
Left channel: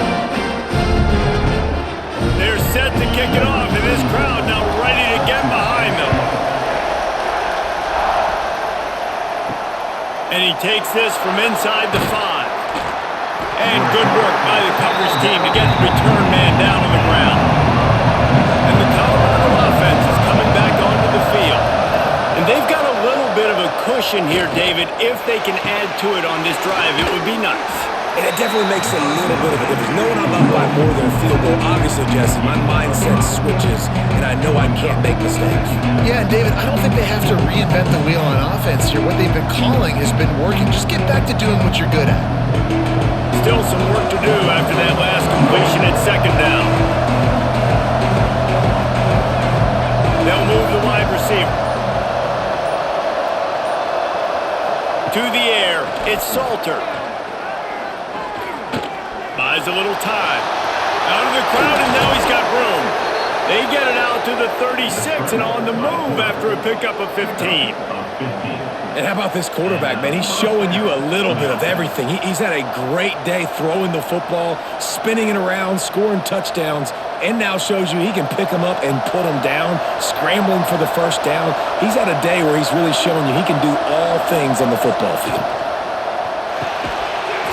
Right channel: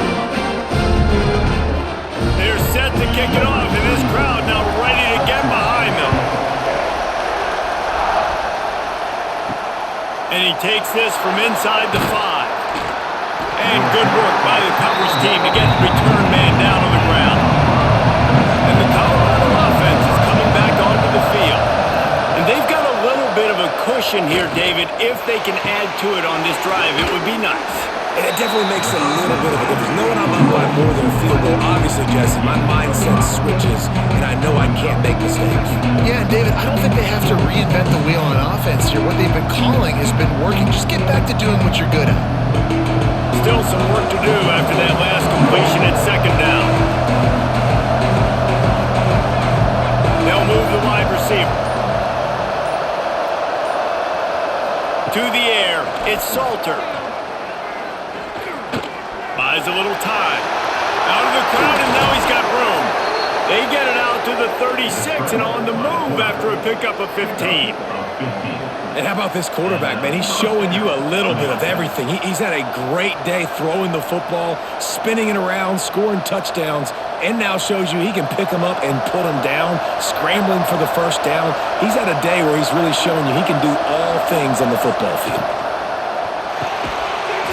They're set to kick it off, and this crowd now ready to get behind them. And he takes this from inside the 5. And good work by the coverage team to get the return man down on the ground. And the Colorado offense is coming back onto the field. And they've got a little bit of a cushion here, David. If they can add to it on this drive, it would be nice. And it definitely makes a little bit of a difference. Knowing I'm up by more than a field goal, obviously, Jesse, my mindset switches, and I know I can't make mistakes. Yeah, and David, I don't think they have to reinvent the wheel on offense here. What they've been calling has been working. Just get back to doing what you're good at. Still some work to do after that last completion at 2nd down. They'll move the wide receiver. To the air, it's Salter. Buys a little time. Out of the crowd, and now he's got room. They get it out to the 36 and on the move after a pickup of 15. And how about this quarterback, man? He's showing you a little bit of everything. He's had a great day throwing the football, spinning it around, scoring touchdowns, and now shows you he can pick them up and put them down, scrambling for the first down. He's had a day where he's really showing you he can do all things on the football field.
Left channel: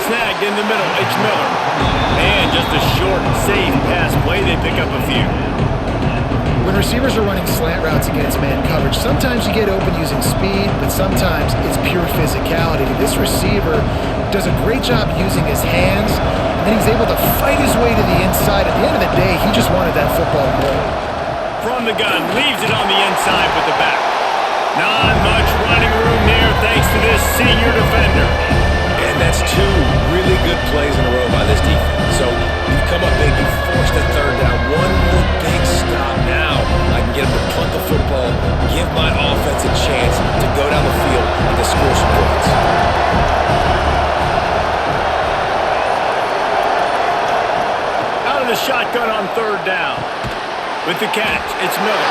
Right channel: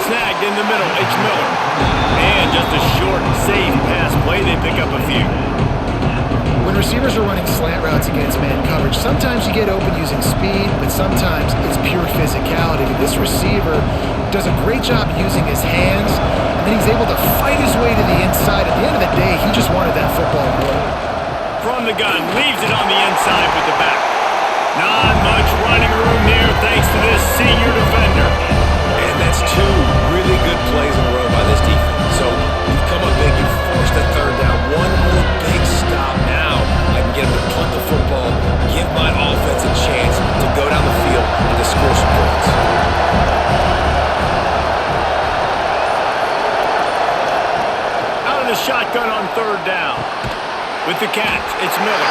Snagged in the middle, H. Miller. And just a short, safe pass play. They pick up a few. When receivers are running slant routes against man coverage, sometimes you get open using speed, but sometimes it's pure physicality. This receiver does a great job using his hands, and and then he's able to fight his way to the inside. At the end of the day, he just wanted that football more. From the gun, leaves it on the inside with the back. Not much running room there thanks to this senior defender. And that's two really good plays in a row by this defense. So you've come up big, you've forced a third down. One more big stop. Now I can get him to punt the football, give my offense a chance to go down the field and to score some points. Out of the shotgun on third down. With the catch, it's Miller.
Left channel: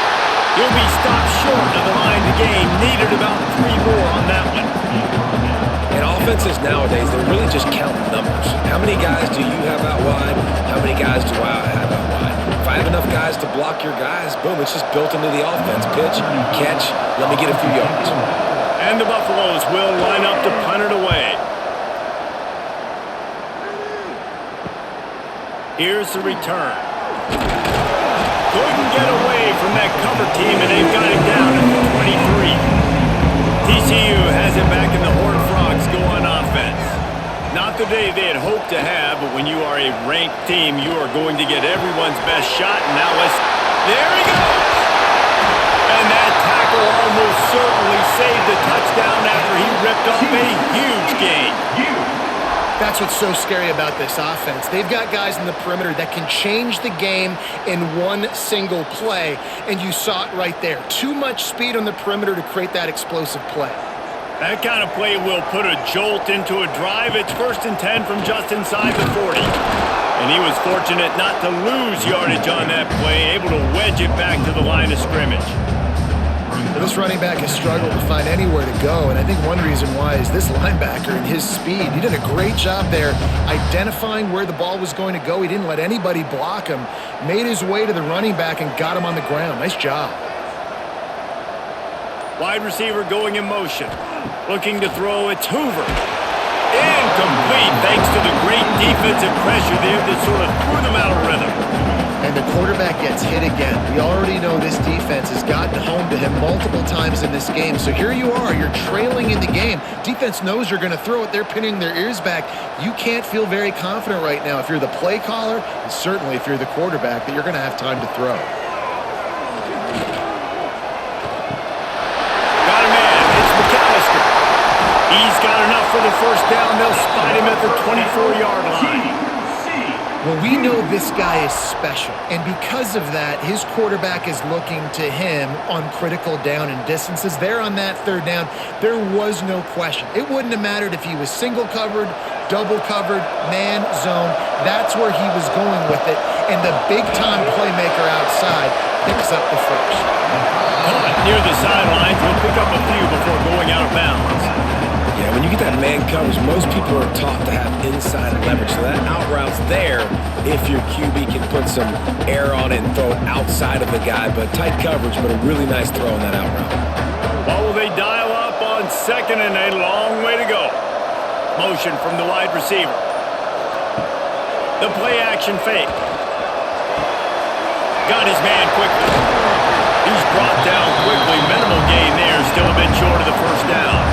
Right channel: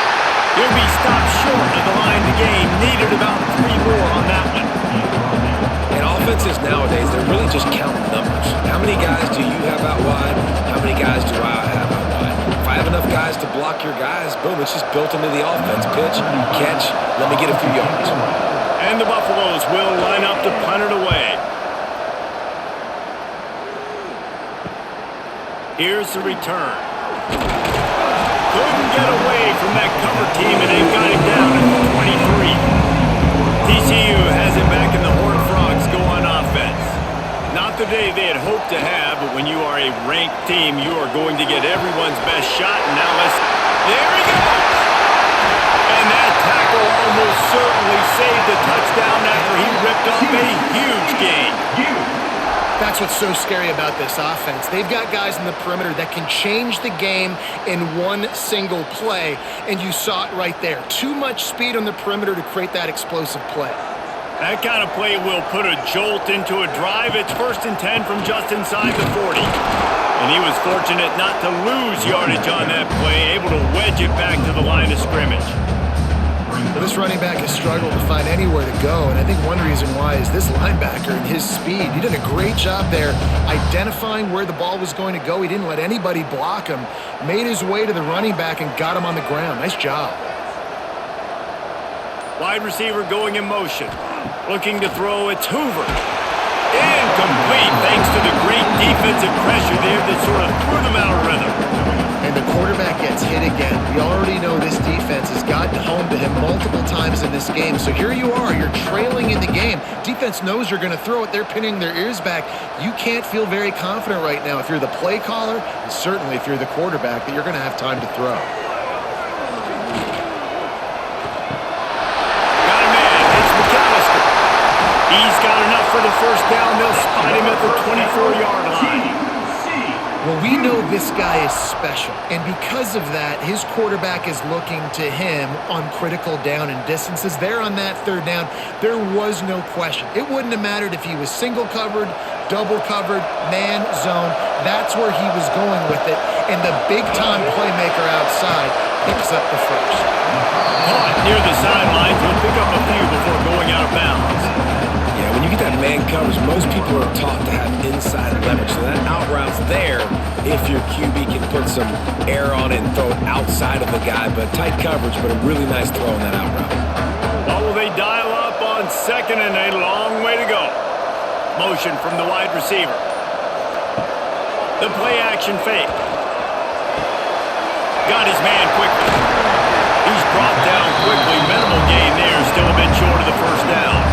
He'll be stopped short of the line to gain. Needed about 3 more on that one. And offenses nowadays, they're really just counting numbers. How many guys do you have out wide? How many guys do I have out wide? If I have enough guys to block your guys, boom, it's just built into the offense. Pitch, catch, let me get a few yards. And the Buffaloes will line up to punt it away. Here's the return. Couldn't get away from that cover team, and they've got him down at the 23. TCU has it back, and the Horned Frogs go on offense. Not the day they had hoped to have, but when you are a ranked team, you are going to get everyone's best shot. And now there he goes! And that tackle almost certainly saved a touchdown after he ripped off a huge gain. That's what's so scary about this offense. They've got guys in the perimeter that can change the game in one single play, and you saw it right there. Too much speed on the perimeter to create that explosive play. That kind of play will put a jolt into a drive. It's 1st and 10 from just inside the 40. And he was fortunate not to lose yardage on that play, able to wedge it back to the line of scrimmage. Well, this running back has struggled to find anywhere to go, and I think one reason why is this linebacker and his speed. He did a great job there identifying where the ball was going to go. He didn't let anybody block him, made his way to the running back and got him on the ground. Nice job. Wide receiver going in motion. Looking to throw, it's Hoover. Incomplete thanks to the great defensive pressure there that sort of threw them out of rhythm. And the quarterback gets hit again. We already know this defense has gotten home to him multiple times in this game. So here you are, you're trailing in the game. Defense knows you're going to throw it. They're pinning their ears back. You can't feel very confident right now if you're the play caller, and certainly if you're the quarterback, that you're going to have time to throw. Got a man, it's McAllister. He's got enough for the first down. They'll spot him at the 24-yard line. Well, we know this guy is special, and because of that, his quarterback is looking to him on critical down and distances. There on that third down, there was no question. It wouldn't have mattered if he was single covered, double covered, man, zone. That's where he was going with it, and the big-time playmaker outside picks up the first. Caught near the sidelines. He'll pick up a few before going out of bounds. Yeah, when you get that man coverage, most people are taught to have inside leverage. So that out route's there if your QB can put some air on it and throw it outside of the guy. But tight coverage, but a really nice throw on that out route. Well, will they dial up on 2nd and a long way to go? Motion from the wide receiver. The play action fake. Got his man quickly. He's brought down quickly. Minimal gain there. Still a bit short of the first down.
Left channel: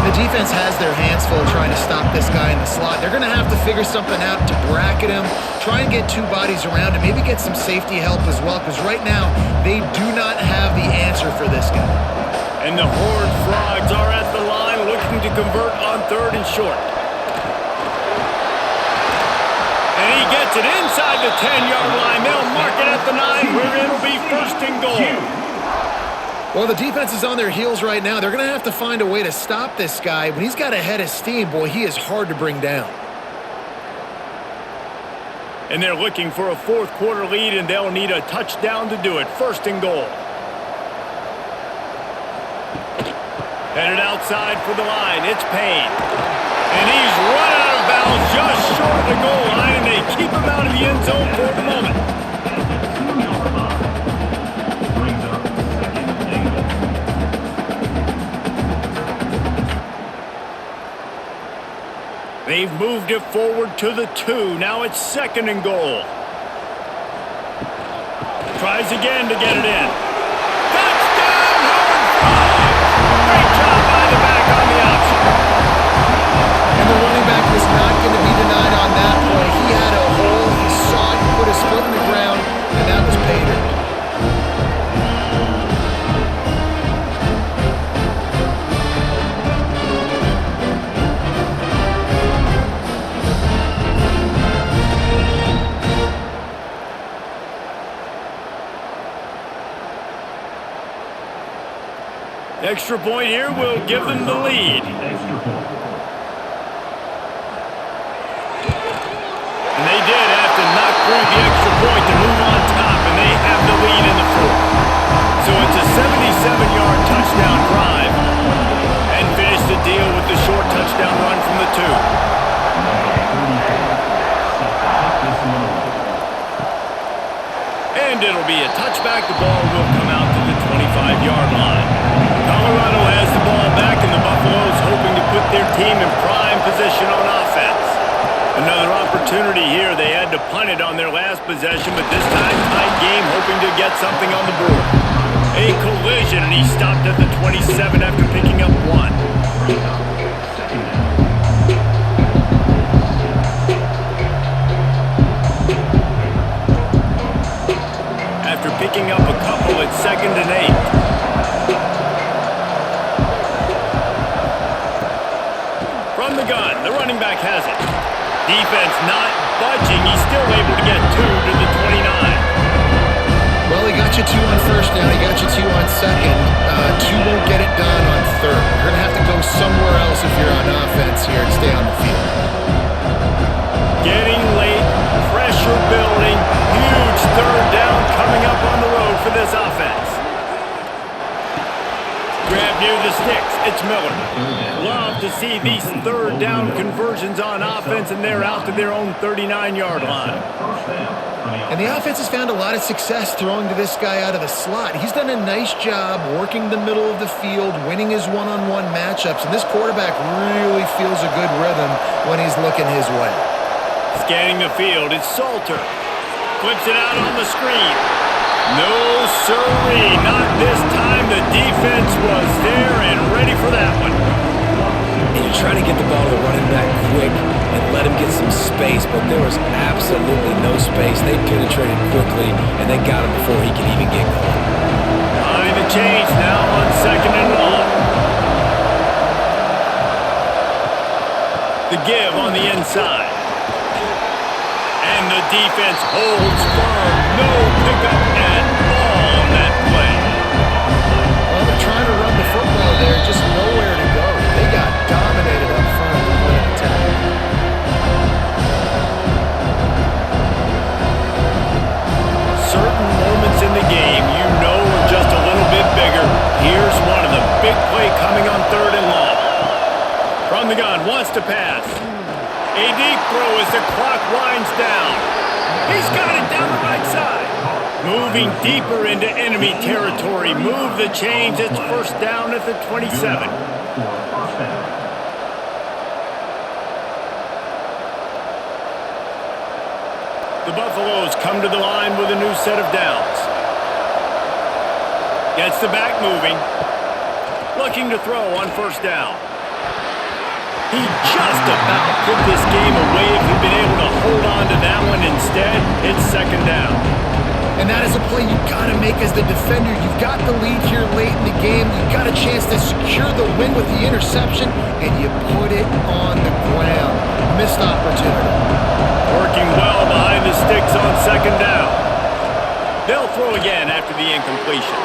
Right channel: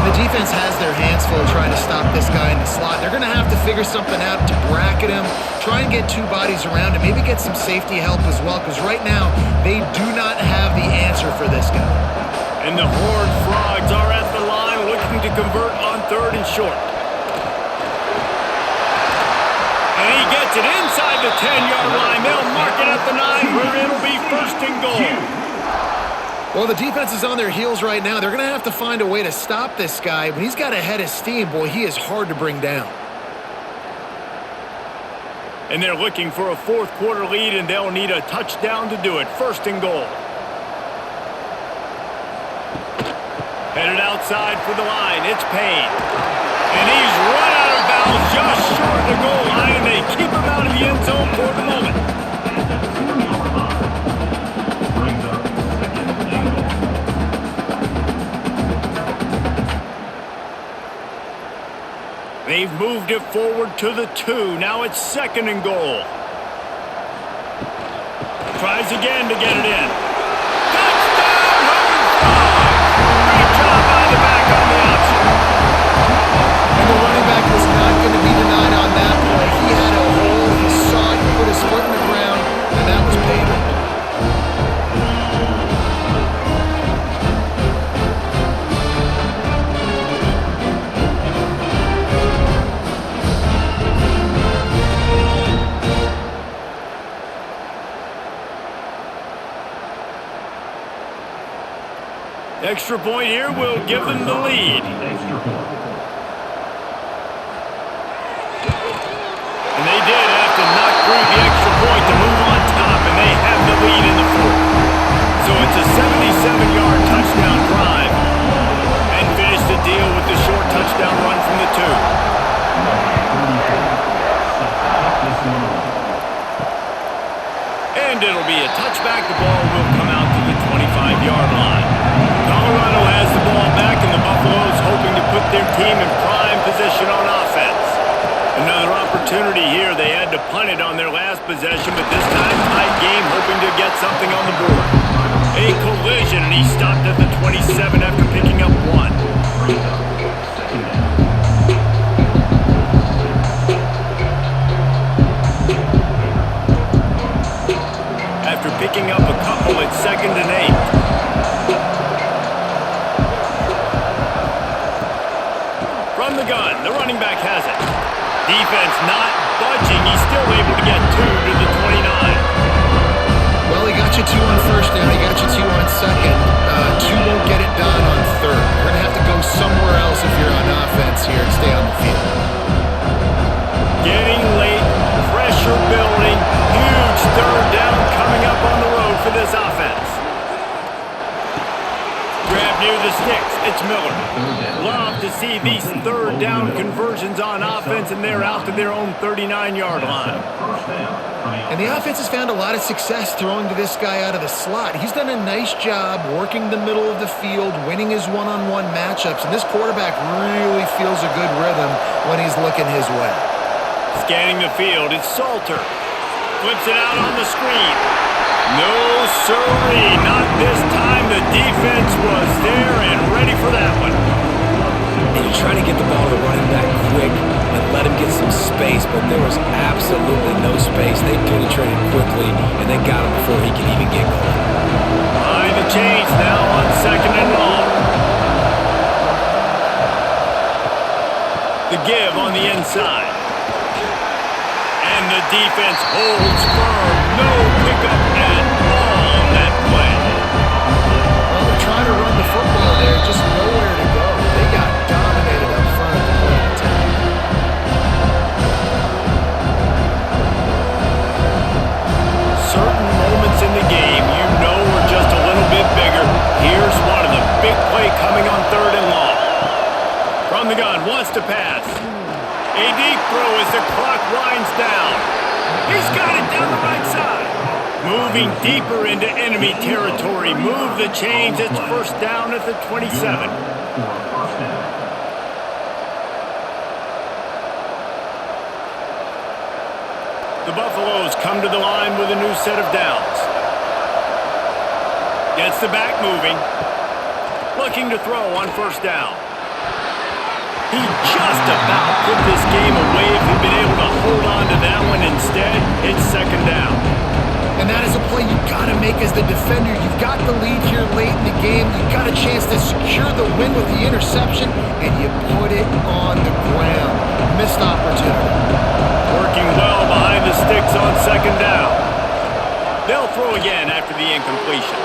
The defense has their hands full trying to stop this guy in the slot. They're going to have to figure something out to bracket him, try and get two bodies around him, maybe get some safety help as well, because right now they do not have the answer for this guy. And the Horned Frogs are at the line looking to convert on 3rd and short. And he gets it inside the 10-yard line. They'll mark it at the 9 where it'll be 1st and goal. Well, the defense is on their heels right now. They're going to have to find a way to stop this guy. When he's got a head of steam, boy, he is hard to bring down. And they're looking for a 4th quarter lead, and they'll need a touchdown to do it. 1st and goal. Headed outside for the line. It's Payne. And he's run out of bounds just short of the goal line, and they keep him out of the end zone for the moment. Brings up 2nd and goal. They've moved it forward to the 2. Now it's 2nd and goal. Tries again to get it in. Touchdown, Horned Frogs! Great job by the back on the option. And the running back was not going to be denied on that play. He had a hole, he saw it, he put his foot in the ground, and that was pay dirt. Extra point here will give them the lead. Extra point. And they did have to knock through the extra point to move on top, and they have the lead in the fourth. So it's a 77-yard touchdown drive, and finish the deal with the short touchdown run from the 2. Number 34, set to kick this one away. And it'll be a touchback. The ball will come out to the 25-yard line. Colorado has the ball back, and the Buffaloes hoping to put their team in prime position on offense. Another opportunity here. They had to punt it on their last possession, but this time tight game, hoping to get something on the board. A collision, and he stopped at the 27 after picking up 1. Brings up second down. After picking up a couple, it's 2nd and 8. From the gun, the running back has it. Defense not budging. He's still able to get 2 to the 29. Well, he got you 2 on first down. He got you 2 on second. 2 won't get it done on third. You're going to have to go somewhere else if you're on offense here to stay on the field. Getting late, pressure building, huge 3rd down coming up on the road for this offense. Grab near the sticks. It's Miller. Love to see these 3rd down conversions on offense, and they're out to their own 39-yard line. And the offense has found a lot of success throwing to this guy out of the slot. He's done a nice job working the middle of the field, winning his one-on-one matchups, and this quarterback really feels a good rhythm when he's looking his way. Scanning the field, it's Salter. Flips it out on the screen. No sirree, not this time. The defense was there and ready for that one. And you're trying to get the ball to the running back quick and let him get some space, but there was absolutely no space. They penetrated quickly, and they got him before he could even get going. Behind the chains now on 2nd and long. The give on the inside. And the defense holds firm. No pickup at all on that play. Well, they're trying to run the football there, just nowhere to go. They got dominated up front at the point of attack. Certain moments in the game you know are just a little bit bigger. Here's one of the big play coming on 3rd and long. From the gun, wants to pass. A deep throw as the clock winds down. He's got it down the right side. Moving deeper into enemy territory. Move the chains. It's 1st down at the 27. The Buffaloes come to the line with a new set of downs. Gets the back moving. Looking to throw on 1st down. He just about put this game away if he'd been able to hold on to that one. Instead, it's 2nd down. And that is a play you've got to make as the defender. You've got the lead here late in the game. You've got a chance to secure the win with the interception, and you put it on the ground. Missed opportunity. Working well behind the sticks on 2nd down. They'll throw again after the incompletion.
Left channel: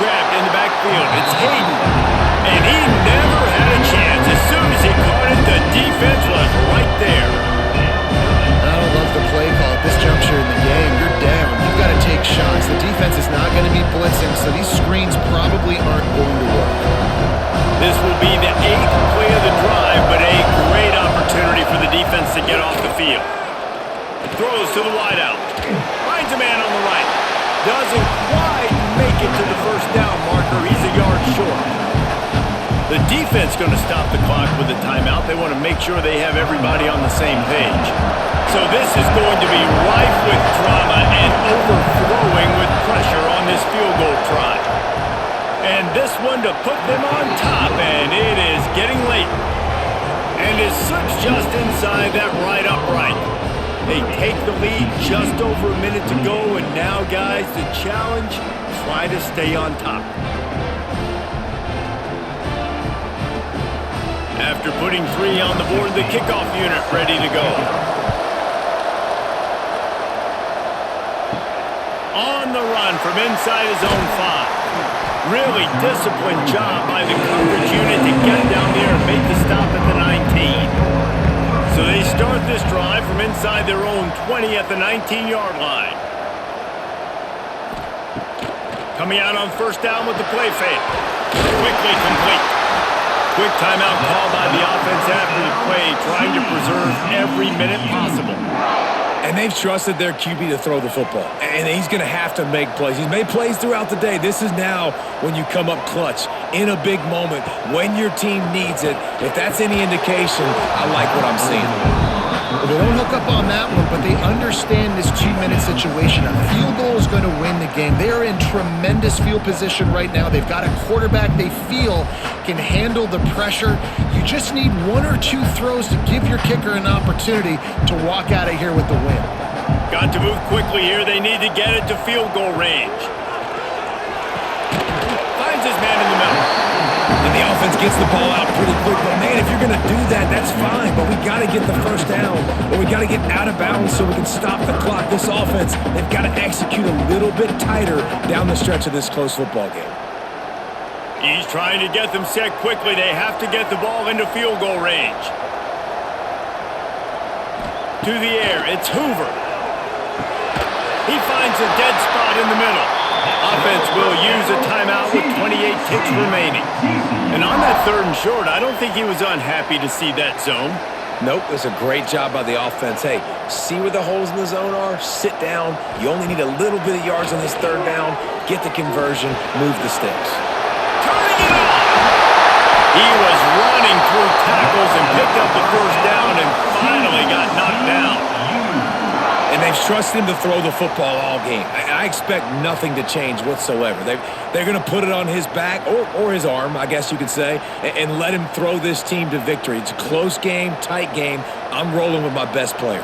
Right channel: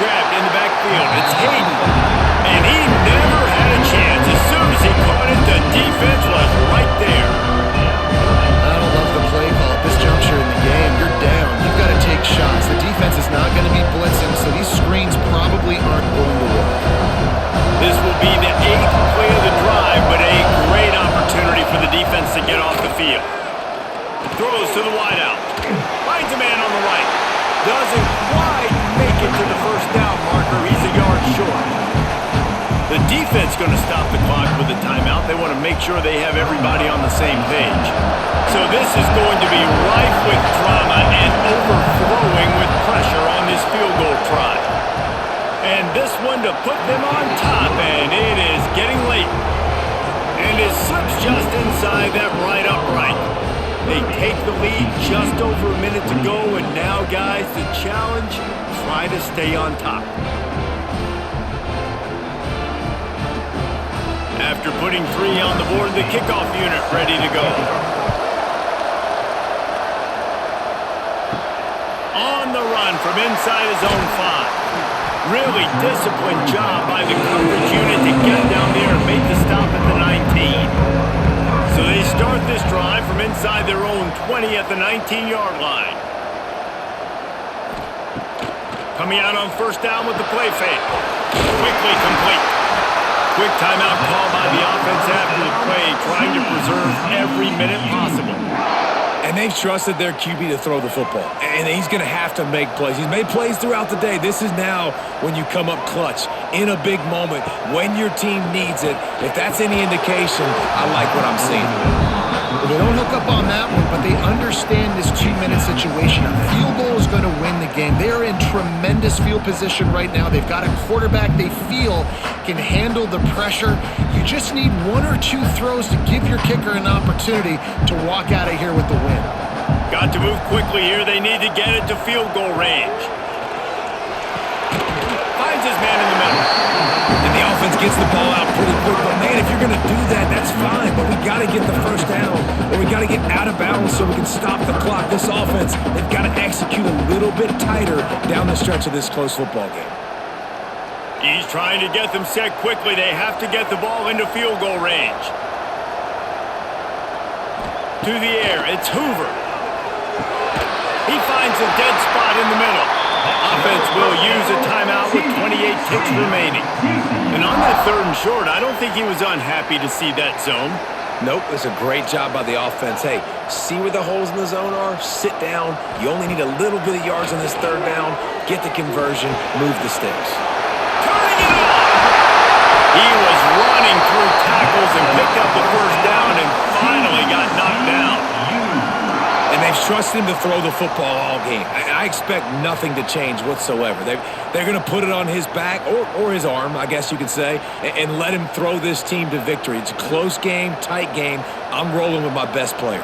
Grabbed in the backfield. It's Hayden. And he never had a chance. As soon as he caught it, the defense was right there. I don't love the play call at this juncture in the game. You're down. You've got to take shots. The defense is not going to be blitzing, so these screens probably aren't going to work. This will be the 8th play of the drive, but a great opportunity for the defense to get off the field. Throws to the wideout. Finds a man on the right. Doesn't quite make it to the 1st down marker. He's a yard short. The defense going to stop the clock with a timeout. They want to make sure they have everybody on the same page. So this is going to be rife with drama and overflowing with pressure on this field goal try. And this one to put them on top, and it is getting late. And And it slips just inside that right upright. They take the lead just over a minute to go, and now, guys, the challenge, try to stay on top. After putting 3 on the board, the kickoff unit ready to go. On the run from inside his own 5. Really disciplined job by the coverage unit to get down there and make the stop at the 19. So they start this drive from inside their own 20 at the 19-yard line. Coming out on first down with the play fake. Quickly complete. Quick timeout call by the offense after the play, trying to preserve every minute possible. And they've trusted their QB to throw the football. And he's going to have to make plays. He's made plays throughout the day. This is now when you come up clutch in a big moment when your team needs it. If that's any indication, I like what I'm seeing. Well, they don't hook up on that one, but they understand this 2-minute situation. A field goal is going to win the game. They are in tremendous field position right now. They've got a quarterback they feel can handle the pressure. You just need 1 or 2 throws to give your kicker an opportunity to walk out of here with the win. Got to move quickly here. They need to get it to field goal range. Finds his man in the middle. And the offense gets the ball out pretty quick. But, man, if you're going to do that, that's fine. But we got to get the first down, or we got to get out of bounds so we can stop the clock. This offense, they've got to execute a little bit tighter down the stretch of this close football game. He's trying to get them set quickly. They have to get the ball into field goal range. To the air, it's Hoover. He finds a dead spot in the middle. Offense will use a timeout with 28 ticks remaining. And on that 3rd and short, I don't think he was unhappy to see that zone. Nope, it's a great job by the offense. Hey, see where the holes in the zone are? Sit down. You only need a little bit of yards on this 3rd down. Get the conversion. Move the sticks. Turning it on! He was running through tackles and picked up the first down and finally got knocked down. And they've trusted him to throw the football all game. I expect nothing to change whatsoever. They're going to put it on his back or his arm, I guess you could say, and let him throw this team to victory. It's a close game, tight game. I'm rolling with my best player.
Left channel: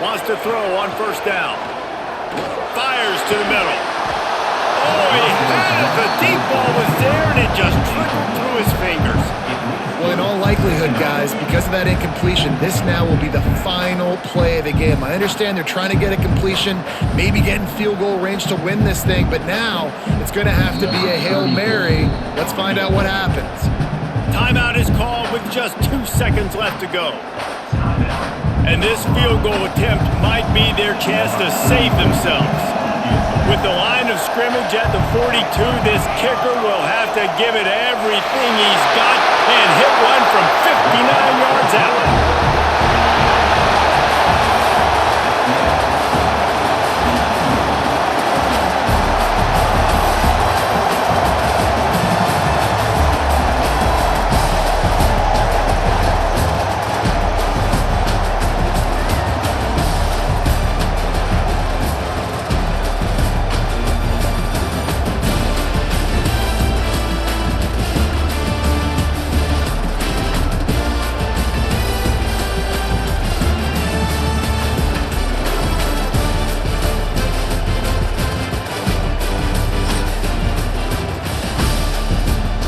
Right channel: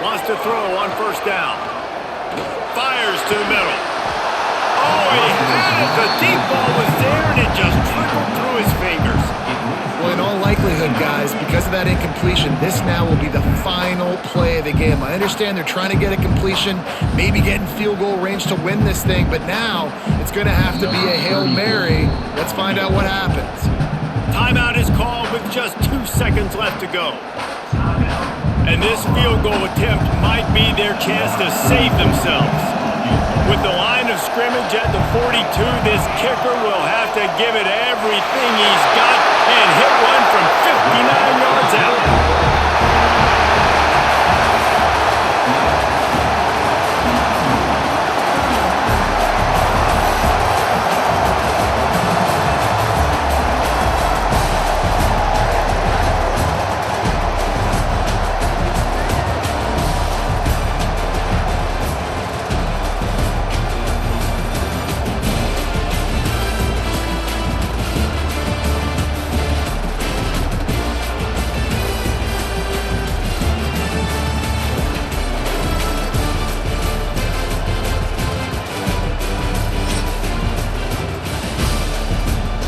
Wants to throw on first down. Fires to the middle. Oh, he had it. The deep ball was there, and it just trickled through his fingers. Well, in all likelihood, guys, because of that incompletion, this now will be the final play of the game. I understand they're trying to get a completion, maybe get in field goal range to win this thing, but now it's going to have to be a Hail Mary. Let's find out what happens. Timeout is called with just 2 seconds left to go. And this field goal attempt might be their chance to save themselves. With the line of scrimmage at the 42, this kicker will have to give it everything he's got and hit one from 59 yards out.